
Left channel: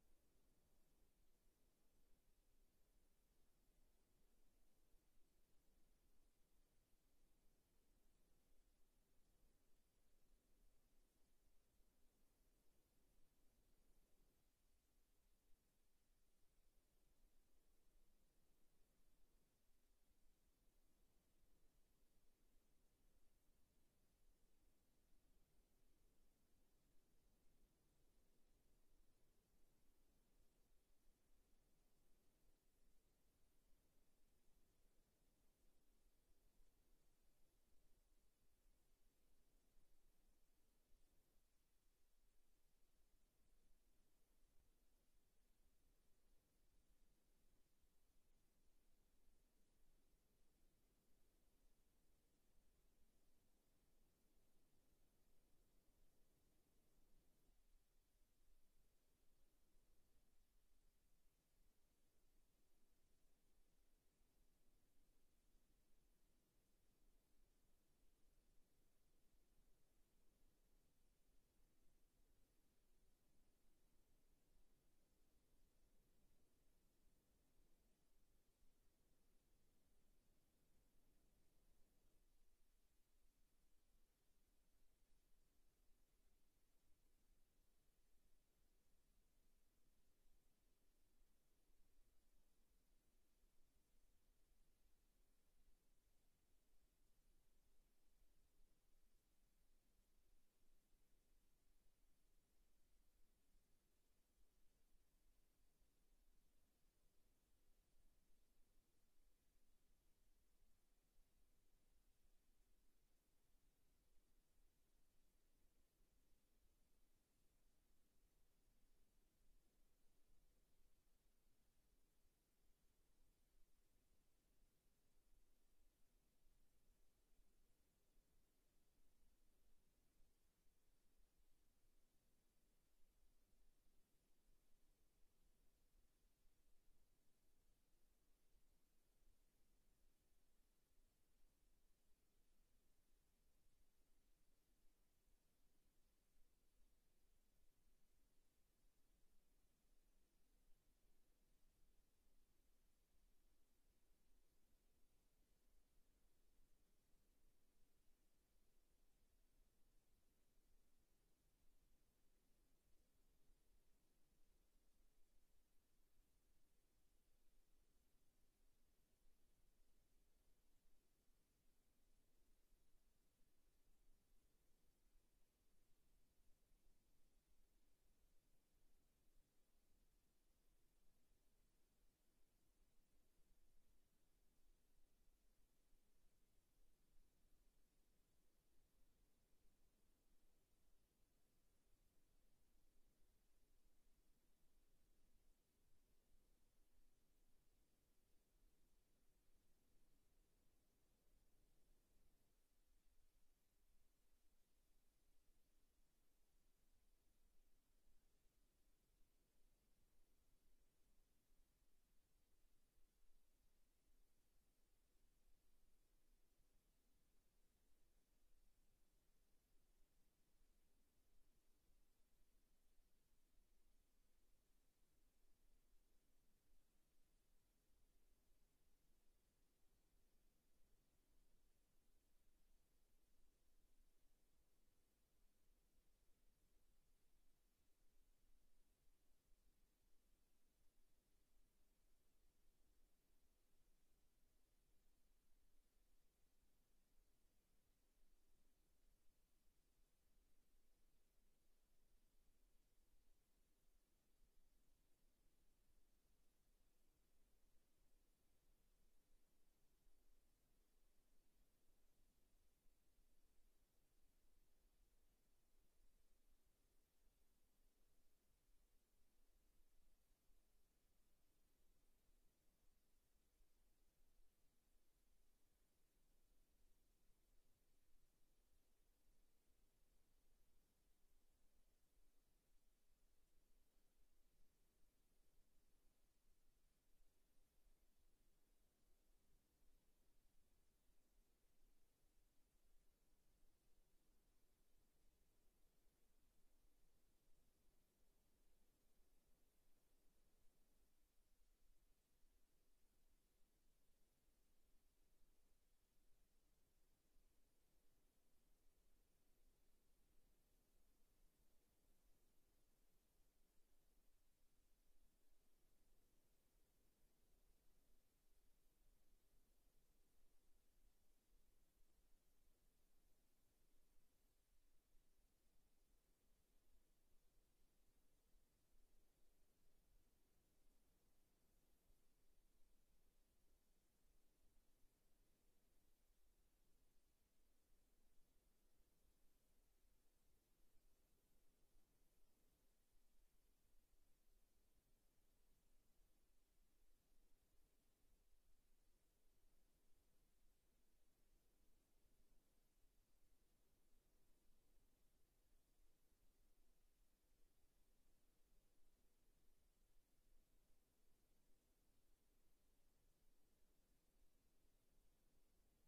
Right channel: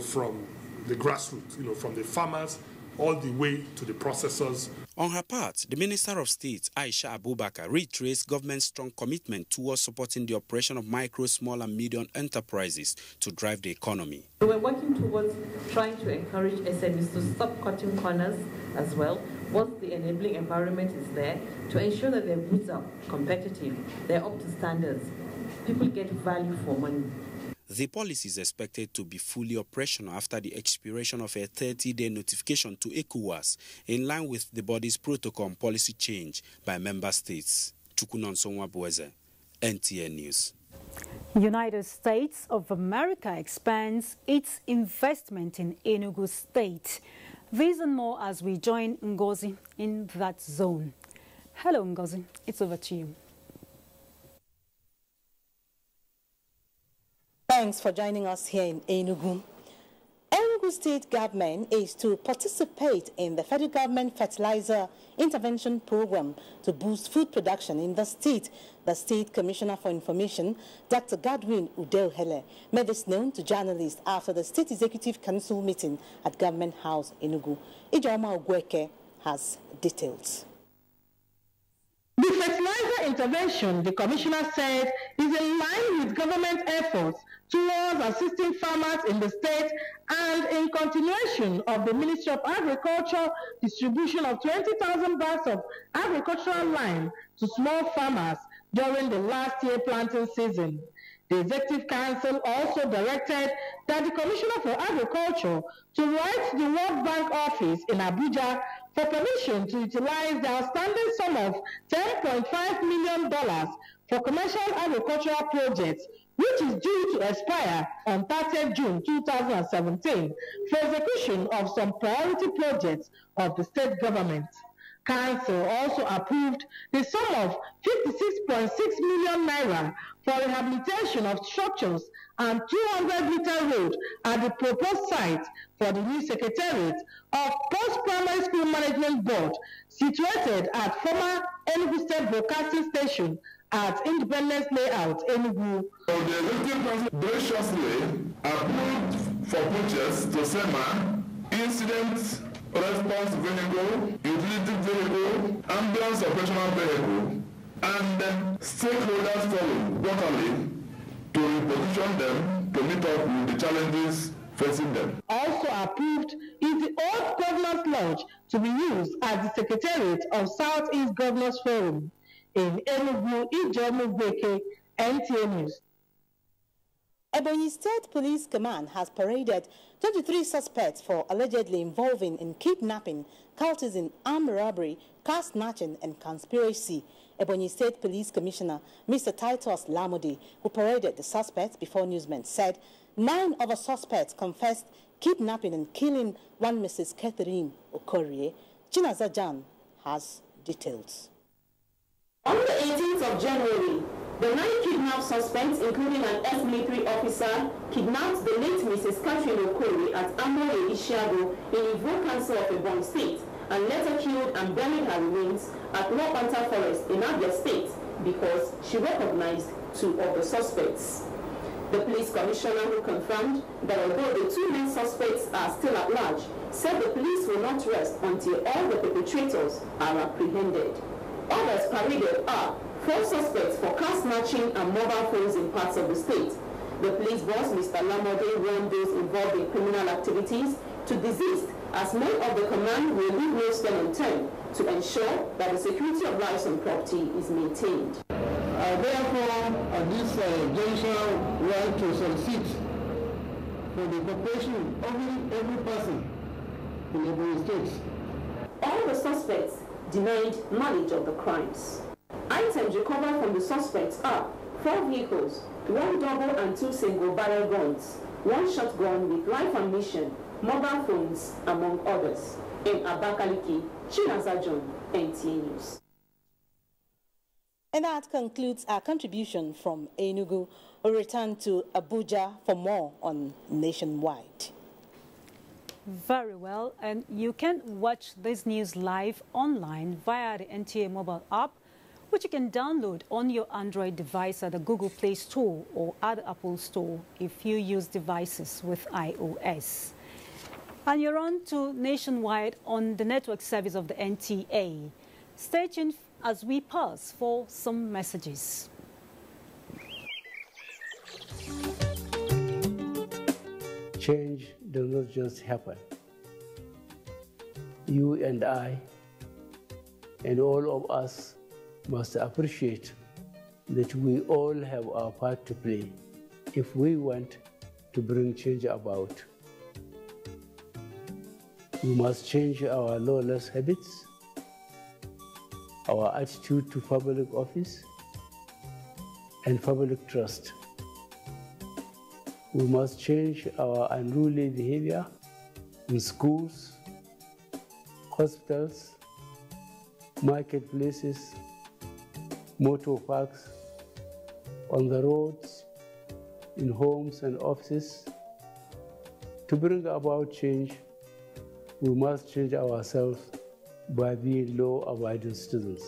from the grassroots, from the farmers all the way to the processors. On her part, the Minister of State, Aisha Abubakar, reiterates government's strong commitment towards supporting the operation of micro, small and medium enterprises to drive the economy. We're working towards trying to encourage SMEs to stop cutting corners as well. Once the enabling environment is there, to ensure that their goods are competitive, they're up to standards, people get value for money. The policy is expected to be fully operational after the expiration of a 30-day notification to ECOWAS, in line with the body's protocol on policy change by member states. Chukunonso Nwabeze, NTA News. United States of America expands its investment in Enugu State. These and more as we join Ngozi in that zone. Hello, Ngozi. It's over to you. Thanks for joining us here in Enugu. Enugu State government is to participate in the federal government fertilizer intervention program to boost food production in the state. The State Commissioner for Information, Dr. Godwin Udeohele, made this known to journalists after the State Executive Council meeting at Government House, Enugu. Ijoma Ogweke has details. The fertilizer intervention, the Commissioner said, is in line with government efforts towards assisting farmers in the state and in continuation of the Ministry of Agriculture distribution of 20,000 bags of agricultural lime to small farmers during the last year planting season. The Executive Council also directed that the Commissioner for Agriculture to write to the World Bank office in Abuja for permission to utilize the outstanding sum of $10.5 million for commercial agricultural projects, which is due to expire on 30th June 2017 for execution of some priority projects of the state government. Council also approved the sum of 56.6 million naira for rehabilitation of structures and 200-meter road at the proposed site for the new Secretariat of Post-Primary School Management Board situated at former Enugu State Broadcasting Station at Independence Layout, Enugu. So the Executive Council graciously approved for purchase to SEMA incident response vehicle, utility vehicle, ambulance operational vehicle, and stakeholders forum quarterly to reposition them to meet up with the challenges facing them. Also approved is the old Governors Lodge to be used as the Secretariat of Southeast Governors Forum. In Enugu, Ijomu Beke, NTA News. Ebonyi State Police Command has paraded 23 suspects for allegedly involving in kidnapping, cultism, armed robbery, car snatching, and conspiracy. Ebonyi State Police Commissioner Mr. Titus Lamode, who paraded the suspects before newsmen, said 9 of the suspects confessed kidnapping and killing one Mrs. Catherine Okorie. Chinaza Jan has details. On the 18th of January, the 9 kidnapped suspects, including an ex-military officer, kidnapped the late Mrs. Catherine Okorie at Amoye Ishiago in Ivo Council of Ebonyi State and later killed and buried her remains at Lopanta Forest in Abia State because she recognized 2 of the suspects. The police commissioner, who confirmed that although the 2 main suspects are still at large, said the police will not rest until all the perpetrators are apprehended. Others paraded are 4 suspects for car snatching and mobile phones in parts of the state. The police boss, Mr. Lamode, warned those involved in criminal activities to desist, as men of the command will leave no stone unturned to ensure that the security of lives and property is maintained. Therefore, at this juncture, we want to solicit for the cooperation of every person in every state. All the suspects denied knowledge of the crimes. Items recovered from the suspects are 4 vehicles, 1 double and 2 single barrel guns, 1 shotgun with live ammunition, mobile phones, among others. In Abakaliki, Chinaza John, NTA News. And that concludes our contribution from Enugu. We'll return to Abuja for more on Nationwide. Very well, and you can watch this news live online via the NTA mobile app, which you can download on your Android device at the Google Play Store or at the Apple Store if you use devices with iOS. And you're on to Nationwide on the network service of the NTA. Stay tuned as we pause for some messages. Change does not just happen. You and I and all of us must appreciate that we all have our part to play if we want to bring change about. We must change our lawless habits, our attitude to public office, and public trust. We must change our unruly behavior in schools, hospitals, marketplaces, motor parks, on the roads, in homes and offices. To bring about change, we must change ourselves by being law-abiding citizens.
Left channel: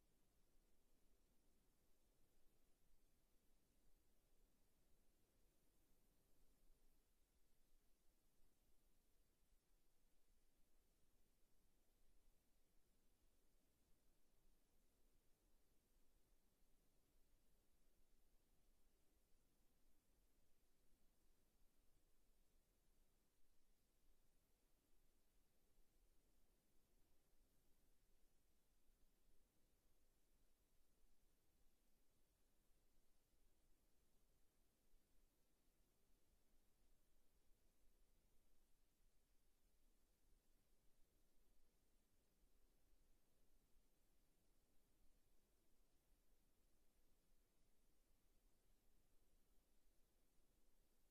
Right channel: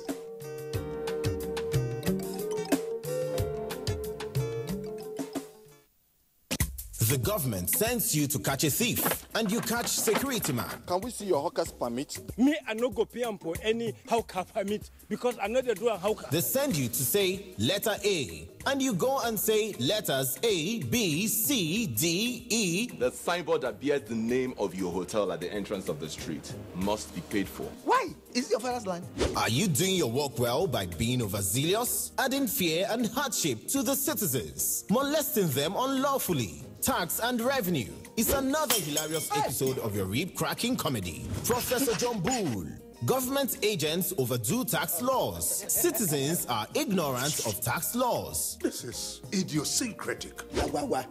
The government sends you to catch a thief, and you catch security man. Can we see your hawker's permit? Me, I no go pay for any hawker permit because I know they do a hawker. They send you to say letter A, and you go and say letters A, B, C, D, E. The signboard that bears the name of your hotel at the entrance of the street must be paid for. Why? Is it your father's land? Are you doing your work well by being overzealous, adding fear and hardship to the citizens, molesting them unlawfully? Tax and revenue is another hilarious episode of your rib-cracking comedy. Professor John Bull. Government agents overdo tax laws. Citizens are ignorant of tax laws. This is idiosyncratic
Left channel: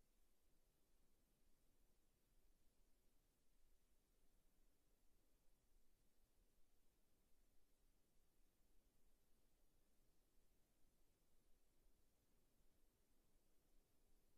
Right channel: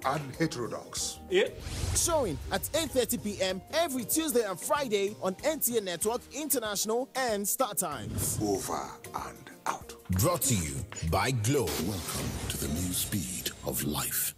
and heterodox. Yeah. Showing at 8:30 p.m. every Tuesday and Friday on NTA Network International and Star Times. Over and out. Brought to you by Glow. Welcome to the new speed of life.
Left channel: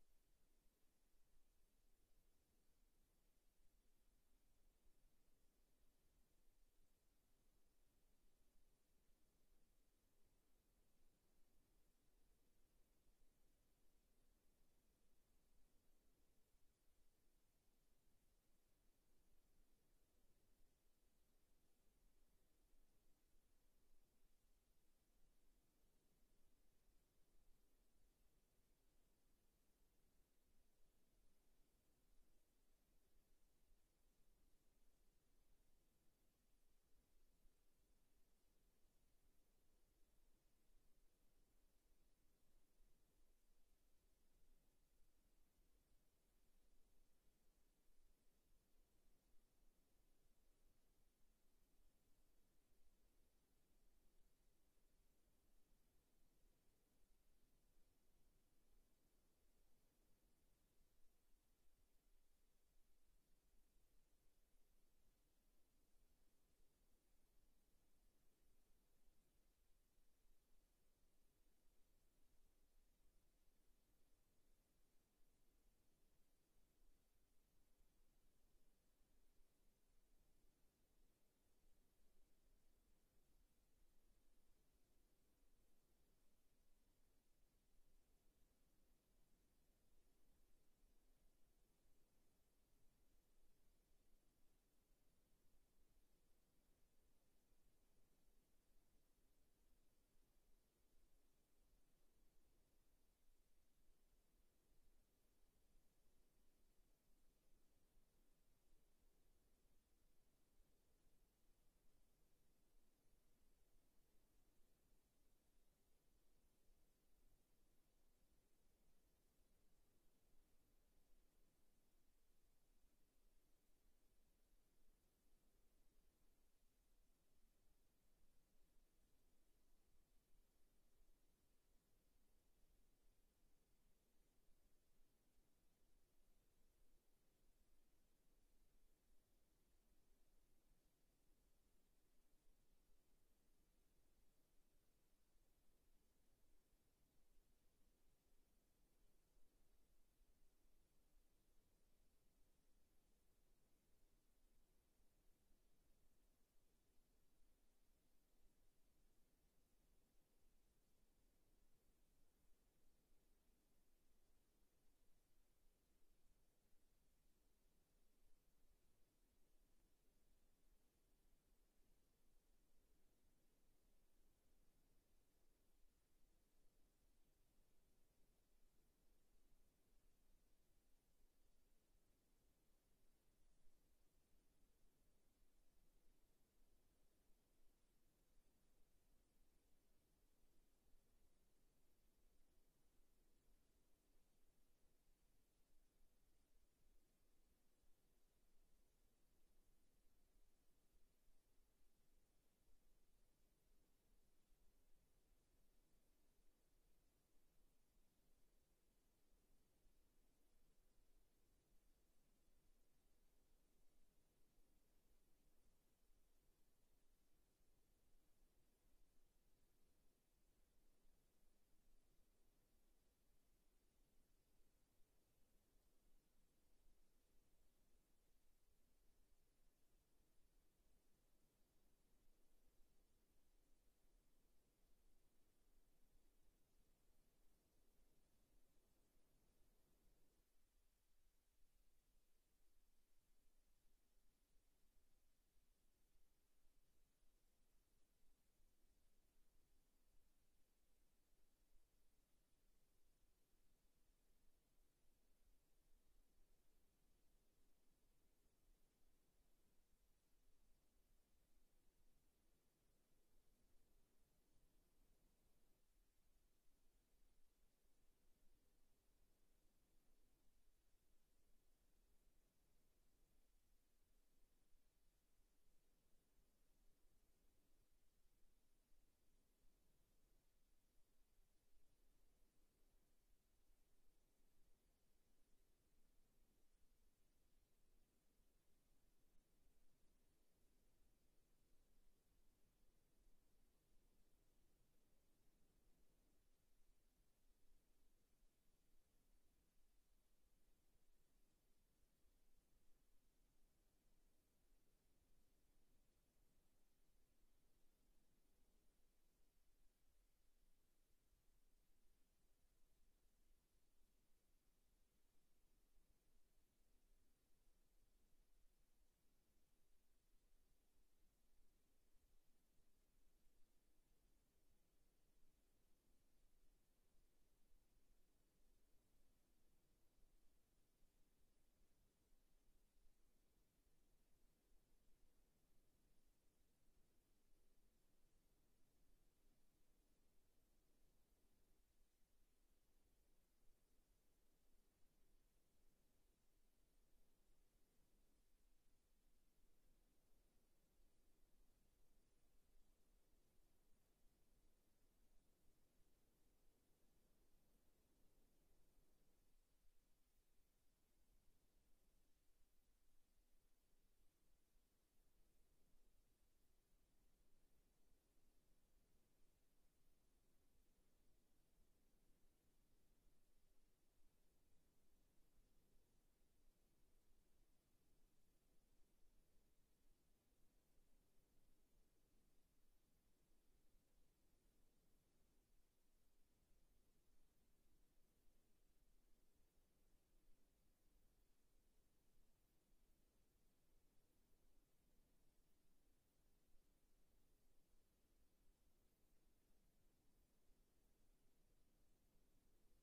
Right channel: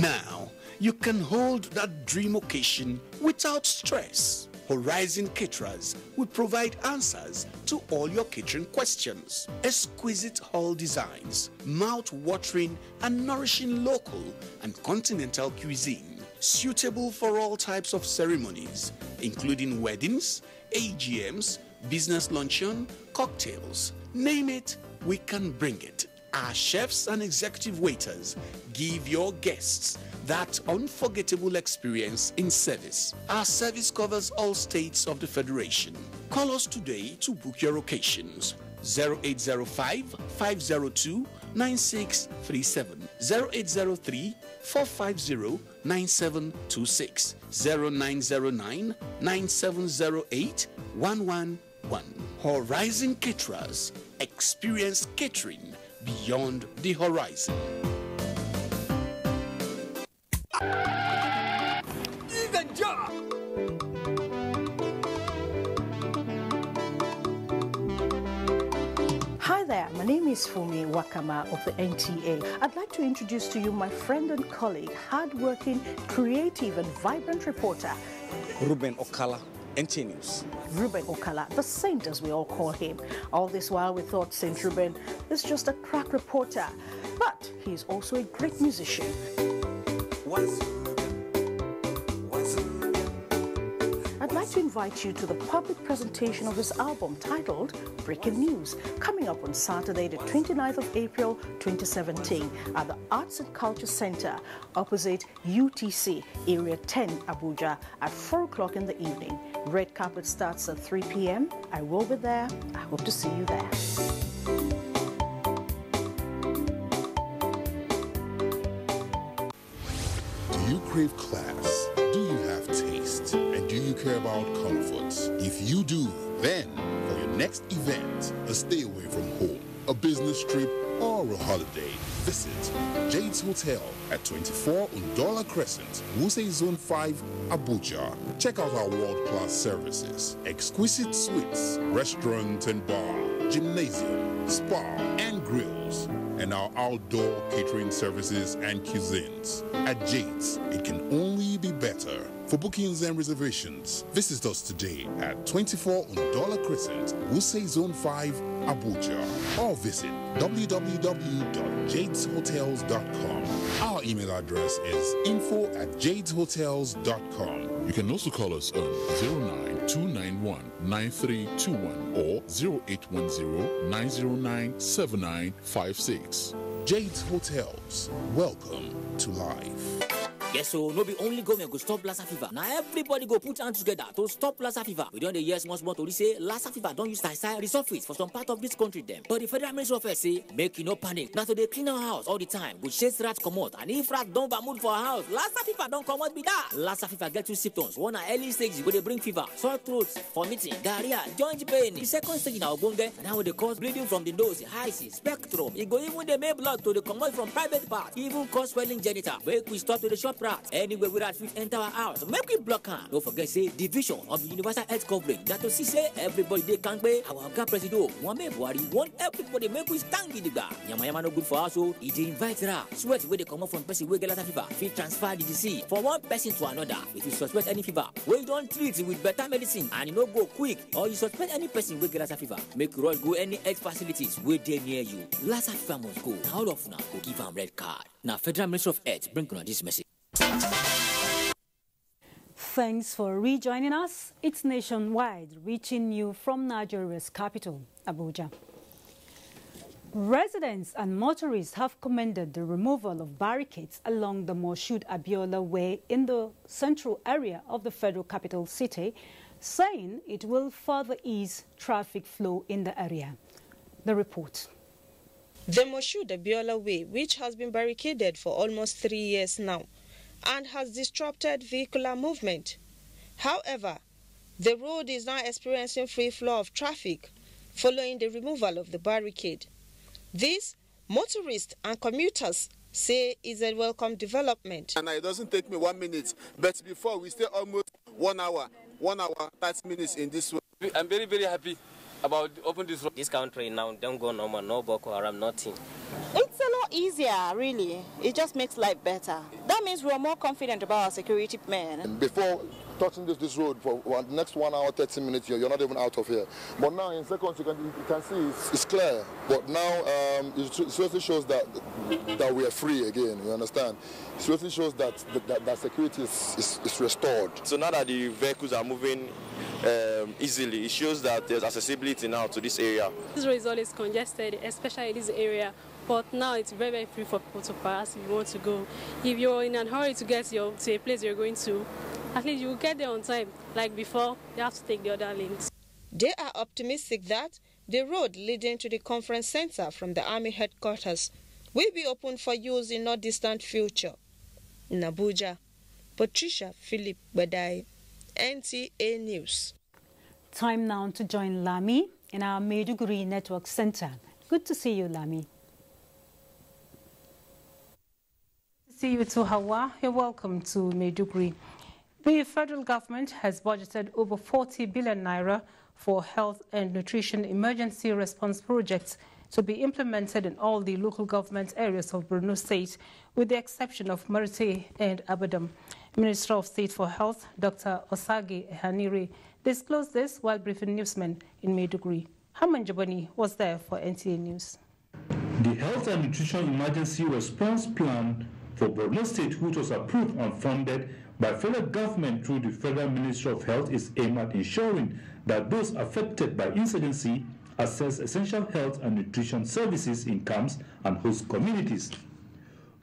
Now, you can hold that dream occasion without stress. Horizon Caterers will provide answers to all your catering questions. Exquisite hall designs, mouth-watering and nourishing local and continental cuisine, suitable for all types of ceremonies, including weddings, AGMs, business luncheon, cocktails. Name it, we can bring it. Our chefs and executive waiters give your guests that unforgettable experience in service. Our service covers all states of the Federation. Call us today to book your occasions. 0805-502-9637, 0803-450-9726, 0909-9708-111. Horizon Caterers. Experience catering beyond the horizon. Hi there, my name is Fumi Wakama of the NTA. I'd like to introduce to you my friend and colleague, hardworking, creative and vibrant reporter, Ruben Okala, NTA News. Ruben Okala, the saint as we all call him. All this while we thought Saint Ruben is just a crack reporter, but he's also a great musician. I'd like to invite you to the public presentation of his album titled Breaking News, coming up on Saturday, the 29th of April, 2017, at the Arts and Culture Center, opposite UTC, Area 10, Abuja, at 4 o'clock in the evening. Red carpet starts at 3 p.m. I will be there. I hope to see you there. Do you crave class? Do you have taste? And do you care about comforts? If you do, then for your next event, a stay away from home, a business trip, or a holiday, visit Jade's Hotel at 24 Undola Crescent, Wuse Zone 5, Abuja. Check out our world-class services, exquisite suites, restaurant and bar, gymnasium, spa and grills, and our outdoor catering services and cuisines. At Jade's, it can only be better. For bookings and reservations, visit us today at 24 Undola Crescent, Wuse Zone 5, Abuja, or visit www.jadeshotels.com. Our email address is info@jadeshotels.com. You can also call us on 09291-9321 or 0810-909-7956. Jade's Hotels. Welcome to life. Yes, so no be only government go stop Lassa fever. Now everybody go put hands together to stop Lassa fever. We don't the years once more to say Lassa fever don't use style resurface for some part of this country them. But the Federal Ministry of Health say make you no panic. Now so they clean our house all the time. We chase rats come out, and if rats don't mood for our house, Lassa fever don't come out be that. Lassa fever get two symptoms. One are early stages where they bring fever, sore throats, vomiting, diarrhea, joint pain. The second stage in our bunge, now they cause bleeding from the nose, eyes, spectrum. It go even the make blood to the commode from private part, even cause swelling genital. Wake we stop to the shop rat. Anywhere we rat fit enter our house, make we block her. Don't forget, say, division of the universal health coverage. That to see, say, everybody they can't pay. Our God President, one man, want everybody make we stand in the bar. Yama no good for us, so he invite her. Sweat where they come up from person where get Lassa fever. Fit transfer the disease from one person to another. If you suspect any fever, where you don't treat it with better medicine and you no go quick, or you suspect any person where get Lassa fever, make you go any health facilities where they near you. Lassa fever must go. Now all of now go give them red card. Now Federal Ministry of Health bring on this message. Thanks for rejoining us. It's Nationwide, reaching you from Nigeria's capital, Abuja. Residents and motorists have commended the removal of barricades along the Moshood Abiola Way in the central area of the federal capital city, saying it will further ease traffic flow in the area. The report. The Moshood Abiola Way, which has been barricaded for almost 3 years now, and has disrupted vehicular movement. However, the road is now experiencing free flow of traffic following the removal of the barricade. This, motorists and commuters say, is a welcome development. And it doesn't take me 1 minute, but before we stay almost 1 hour, 30 minutes in this way. I'm very, very happy about opening this road. This country now don't go normal, no Boko Haram, nothing. It's a lot easier, really. It just makes life better. That means we're more confident about our security men. Before touching this road for the next 1 hour, 30 minutes, you're not even out of here. But now in seconds, you can see it's clear. But now it seriously shows that we are free again, you understand? It seriously shows that security is restored. So now that the vehicles are moving easily, it shows that there's accessibility now to this area. This road is always congested, especially in this area. But now it's very, very free for people to pass if you want to go. If you're in a hurry to get to a place you're going to, at least you will get there on time. Like before, you have to take the other lanes. They are optimistic that the road leading to the conference center from the Army headquarters will be open for use in no distant future. In Abuja, Patricia Philip Badai, NTA News. Time now to join Lami in our Maiduguri Network Center. Good to see you, Lami. See you to Hauwa. You're welcome to Maiduguri. The federal government has budgeted over 40 billion naira for health and nutrition emergency response projects to be implemented in all the local government areas of Borno State, with the exception of Marite and Abadam. Minister of State for Health, Dr. Osage Hanire, disclosed this while briefing newsmen in Maiduguri. Haman Jabani was there for NTA News. The Health and Nutrition Emergency Response Plan for Borno State, which was approved and funded by federal government through the Federal Ministry of Health, is aimed at ensuring that those affected by incidency access essential health and nutrition services in camps and host communities.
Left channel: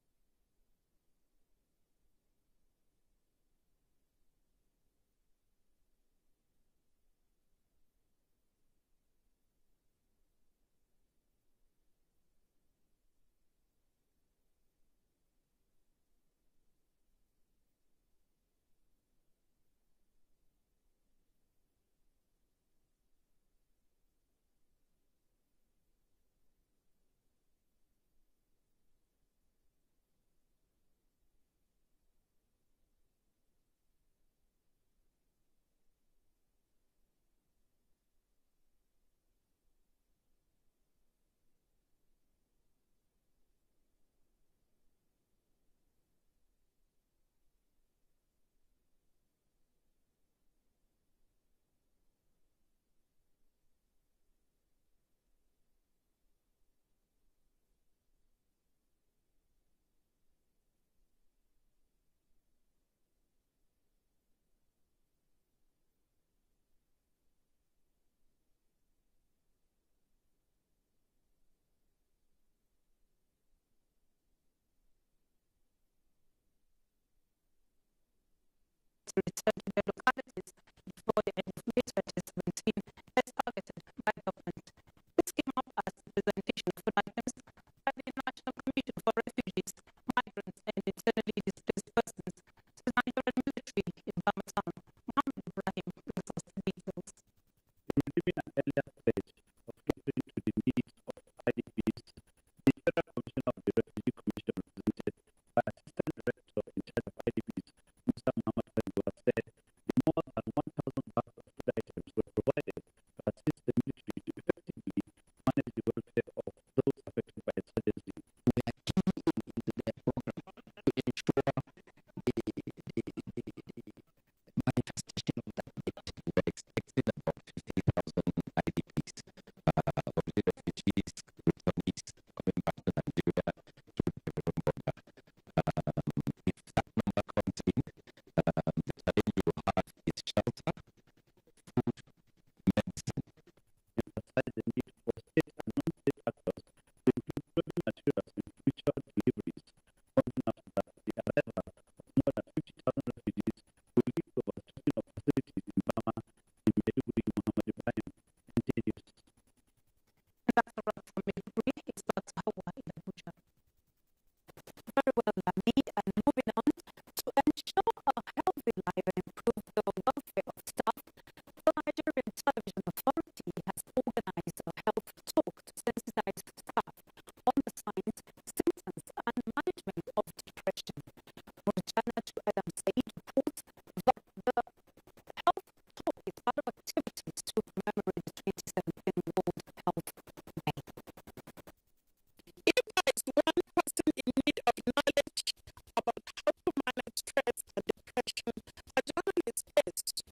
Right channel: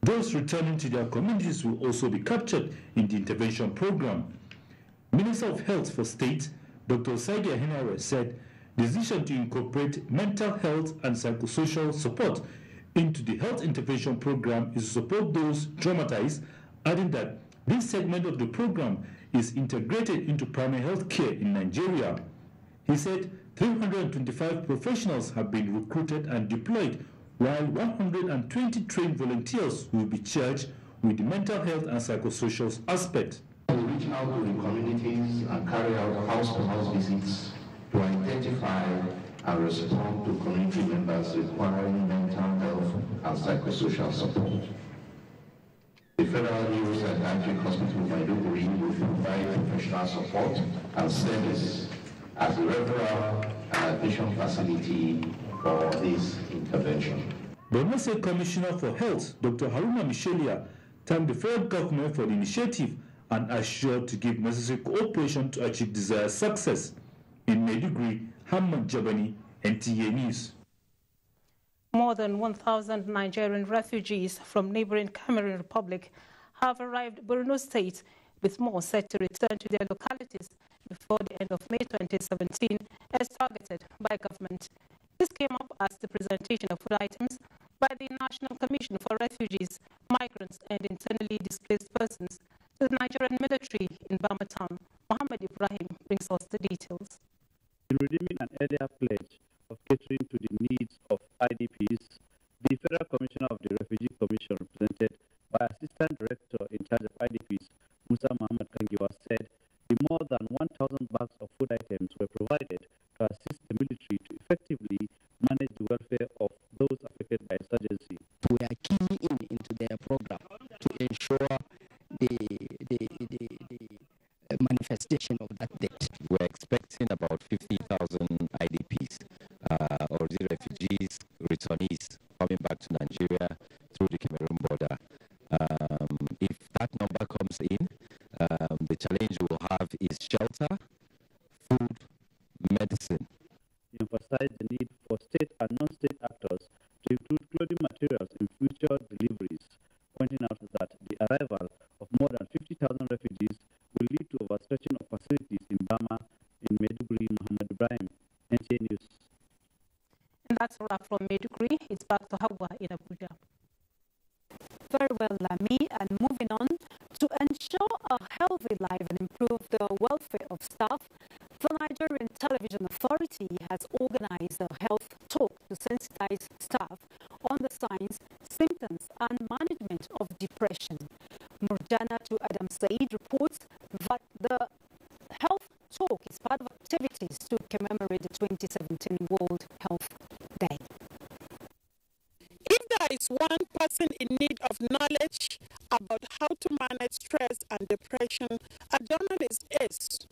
Those returning to their communities will also be captured in the intervention program. Minister of Health for State, Dr. Osage Hanire, said the decision to incorporate mental health and psychosocial support into the health intervention program is to support those traumatized, adding that this segment of the program is integrated into primary health care in Nigeria. He said 325 professionals have been recruited and deployed, while 120 trained volunteers will be charged with the mental health and psychosocial aspect. We reach out to the communities and carry out house-to-house visits to identify and respond to community members requiring mental health and psychosocial support. The Federal Neuropsychiatric Hospital Maiduguri will provide professional support and service as a referral and admission facility for this intervention. Borno State Commissioner for Health, Dr. Haruna Michelia, thanked the federal government for the initiative and assured to give necessary cooperation to achieve desired success. In Maiduguri, Hamad Jabani, NTA News. More than 1,000 Nigerian refugees from neighboring Cameroon Republic have arrived Borno State, with more set to return to their localities before the end of May 2017, as targeted by government. This came up as the presentation of food items by the National Commission for Refugees, Migrants and Internally Displaced Persons to the Nigerian military in Bama Town. Mohammed Ibrahim brings us the details. In redeeming an earlier pledge of catering to the needs of IDPs, the Federal Commissioner of the Refugee Commission, represented by Assistant Director in charge of IDPs, Musa Muhammad Kangiwa, said the more than 1,000 bags of food items were provided to assist the military to effectively manage the welfare of those affected by insurgency. We are keying into their program to ensure the manifestation of that debt. We're expecting about 50,000 IDPs, or the refugees, returnees coming back to Nigeria through the Cameroon border. If that number comes in, the challenge we will have is shelter, food, medicine. He emphasized the need for state and non-state actors to include clothing materials in future deliveries, pointing out that the arrival of more than 50,000 refugees will lead to overstretching of facilities in Bama, in Maiduguri. Muhammad Ibrahim, NTA News. And that's a wrap from Maiduguri. It's back to Hauwa in Abuja. Very well, Lami. And moving on, to ensure a healthy life and improve the welfare of staff, the Nigerian Television Authority has organized a health talk to sensitize staff on the signs, symptoms and management of depression. Murjana to Adam Said reports that the health talk is part of activities to commemorate the 2017 World Health Day. If there is one person in need of knowledge about how to manage stress and depression, a journalist is.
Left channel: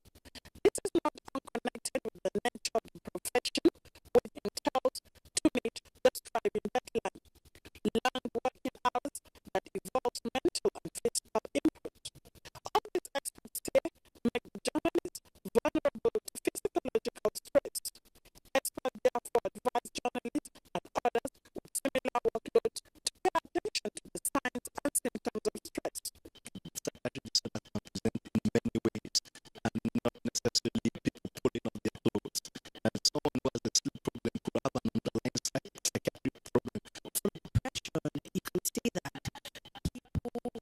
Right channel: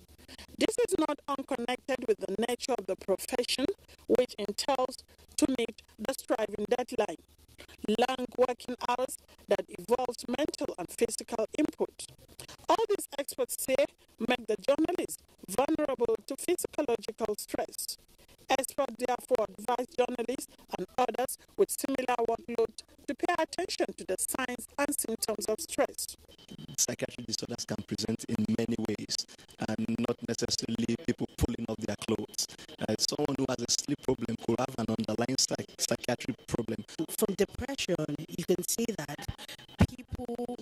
This is not unconnected with the nature of the profession, which entails to meet the striving deadline, long working hours that involves mental and physical input. All these experts say make the journalist vulnerable to physiological stress. Experts therefore advise journalists and others with similar workload to pay attention to the signs and symptoms of stress. Psychiatric disorders can present in many ways, and not necessarily people pulling off their clothes. Someone who has a sleep problem could have an underlying psychiatric problem. From depression, you can see that people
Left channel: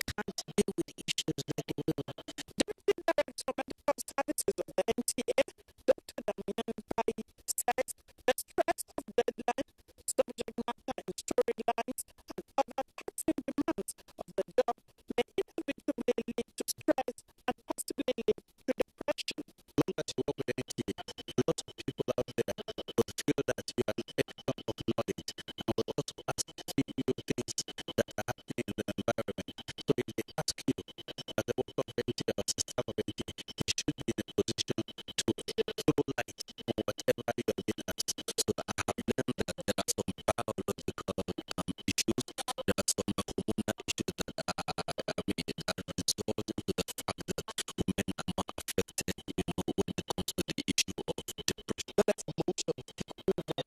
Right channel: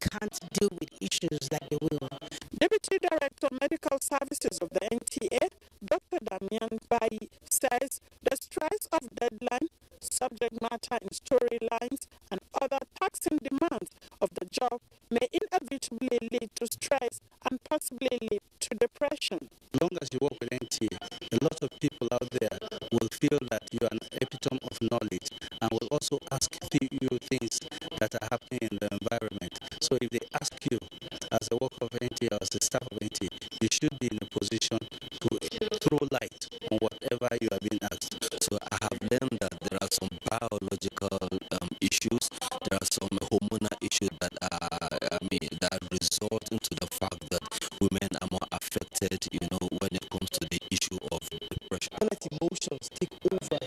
can't deal with issues like they will. Deputy Director of Medical Services of the NTA, Dr. Damian Bayi, says the stress of deadline, subject matter in storylines, and other taxing demands of the job may inevitably lead to stress and possibly lead to depression. As long as you work with NTA, a lot of people out there will feel that you are an epitome of knowledge and will also ask you things that are happening in the environment. So if they ask you, as a worker of NTA or as a staff of NTA, you should be in a position to throw light on whatever you are being asked. So I have learned that there are some biological issues, there are some hormonal issues that are, that result into the fact that women are more affected, when it comes to the issue of depression. Don't let emotions take over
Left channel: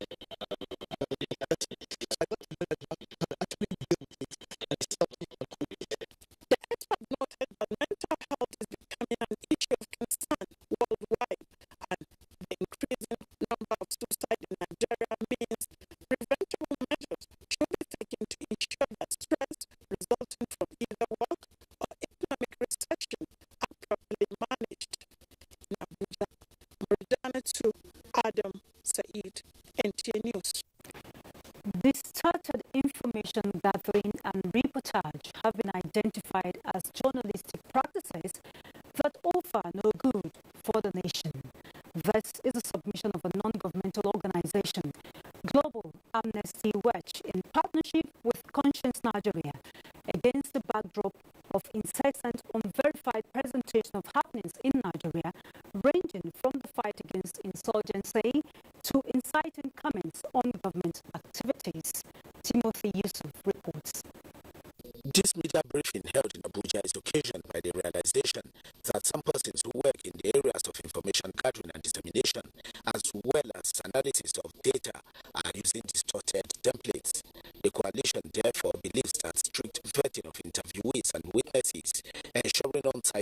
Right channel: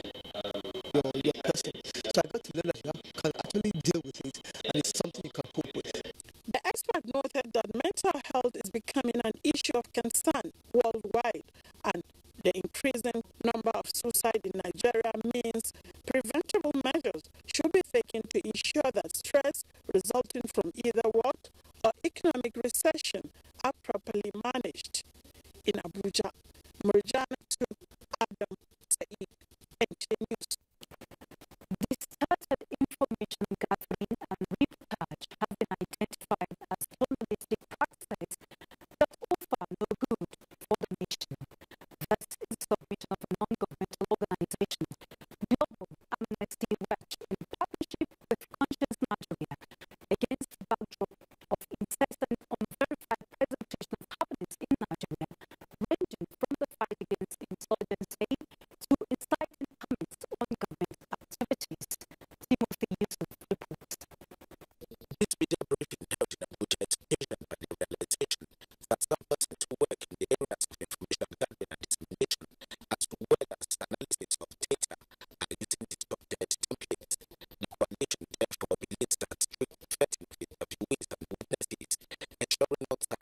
your person. So I got to learn that you can actually deal with it, and it's something you can cope with. The expert noted that mental health is becoming an issue of concern worldwide, and the increasing number of suicide in Nigeria means preventable measures should be taken to ensure that stress resulting from either work or economic recession are properly managed. In Abuja, Murjana to Adam Said, NTA News. Distorted information gathering and reportage have been identified as journalistic practices that offer no good for the nation. This is a submission of a non-governmental organization, Global Amnesty Watch, in partnership with Conscience Nigeria, against the backdrop of incessant, unverified presentation of happenings in Nigeria, ranging from the fight against insurgency to inciting comments on government activities. Timothy Yusuf reports. This media briefing held in Abuja is occasioned by the realization that some persons who work in the areas of information gathering and dissemination, as well as analysis of data, are using distorted templates. The coalition therefore believes that strict vetting of interviewees and witnesses, ensuring on-site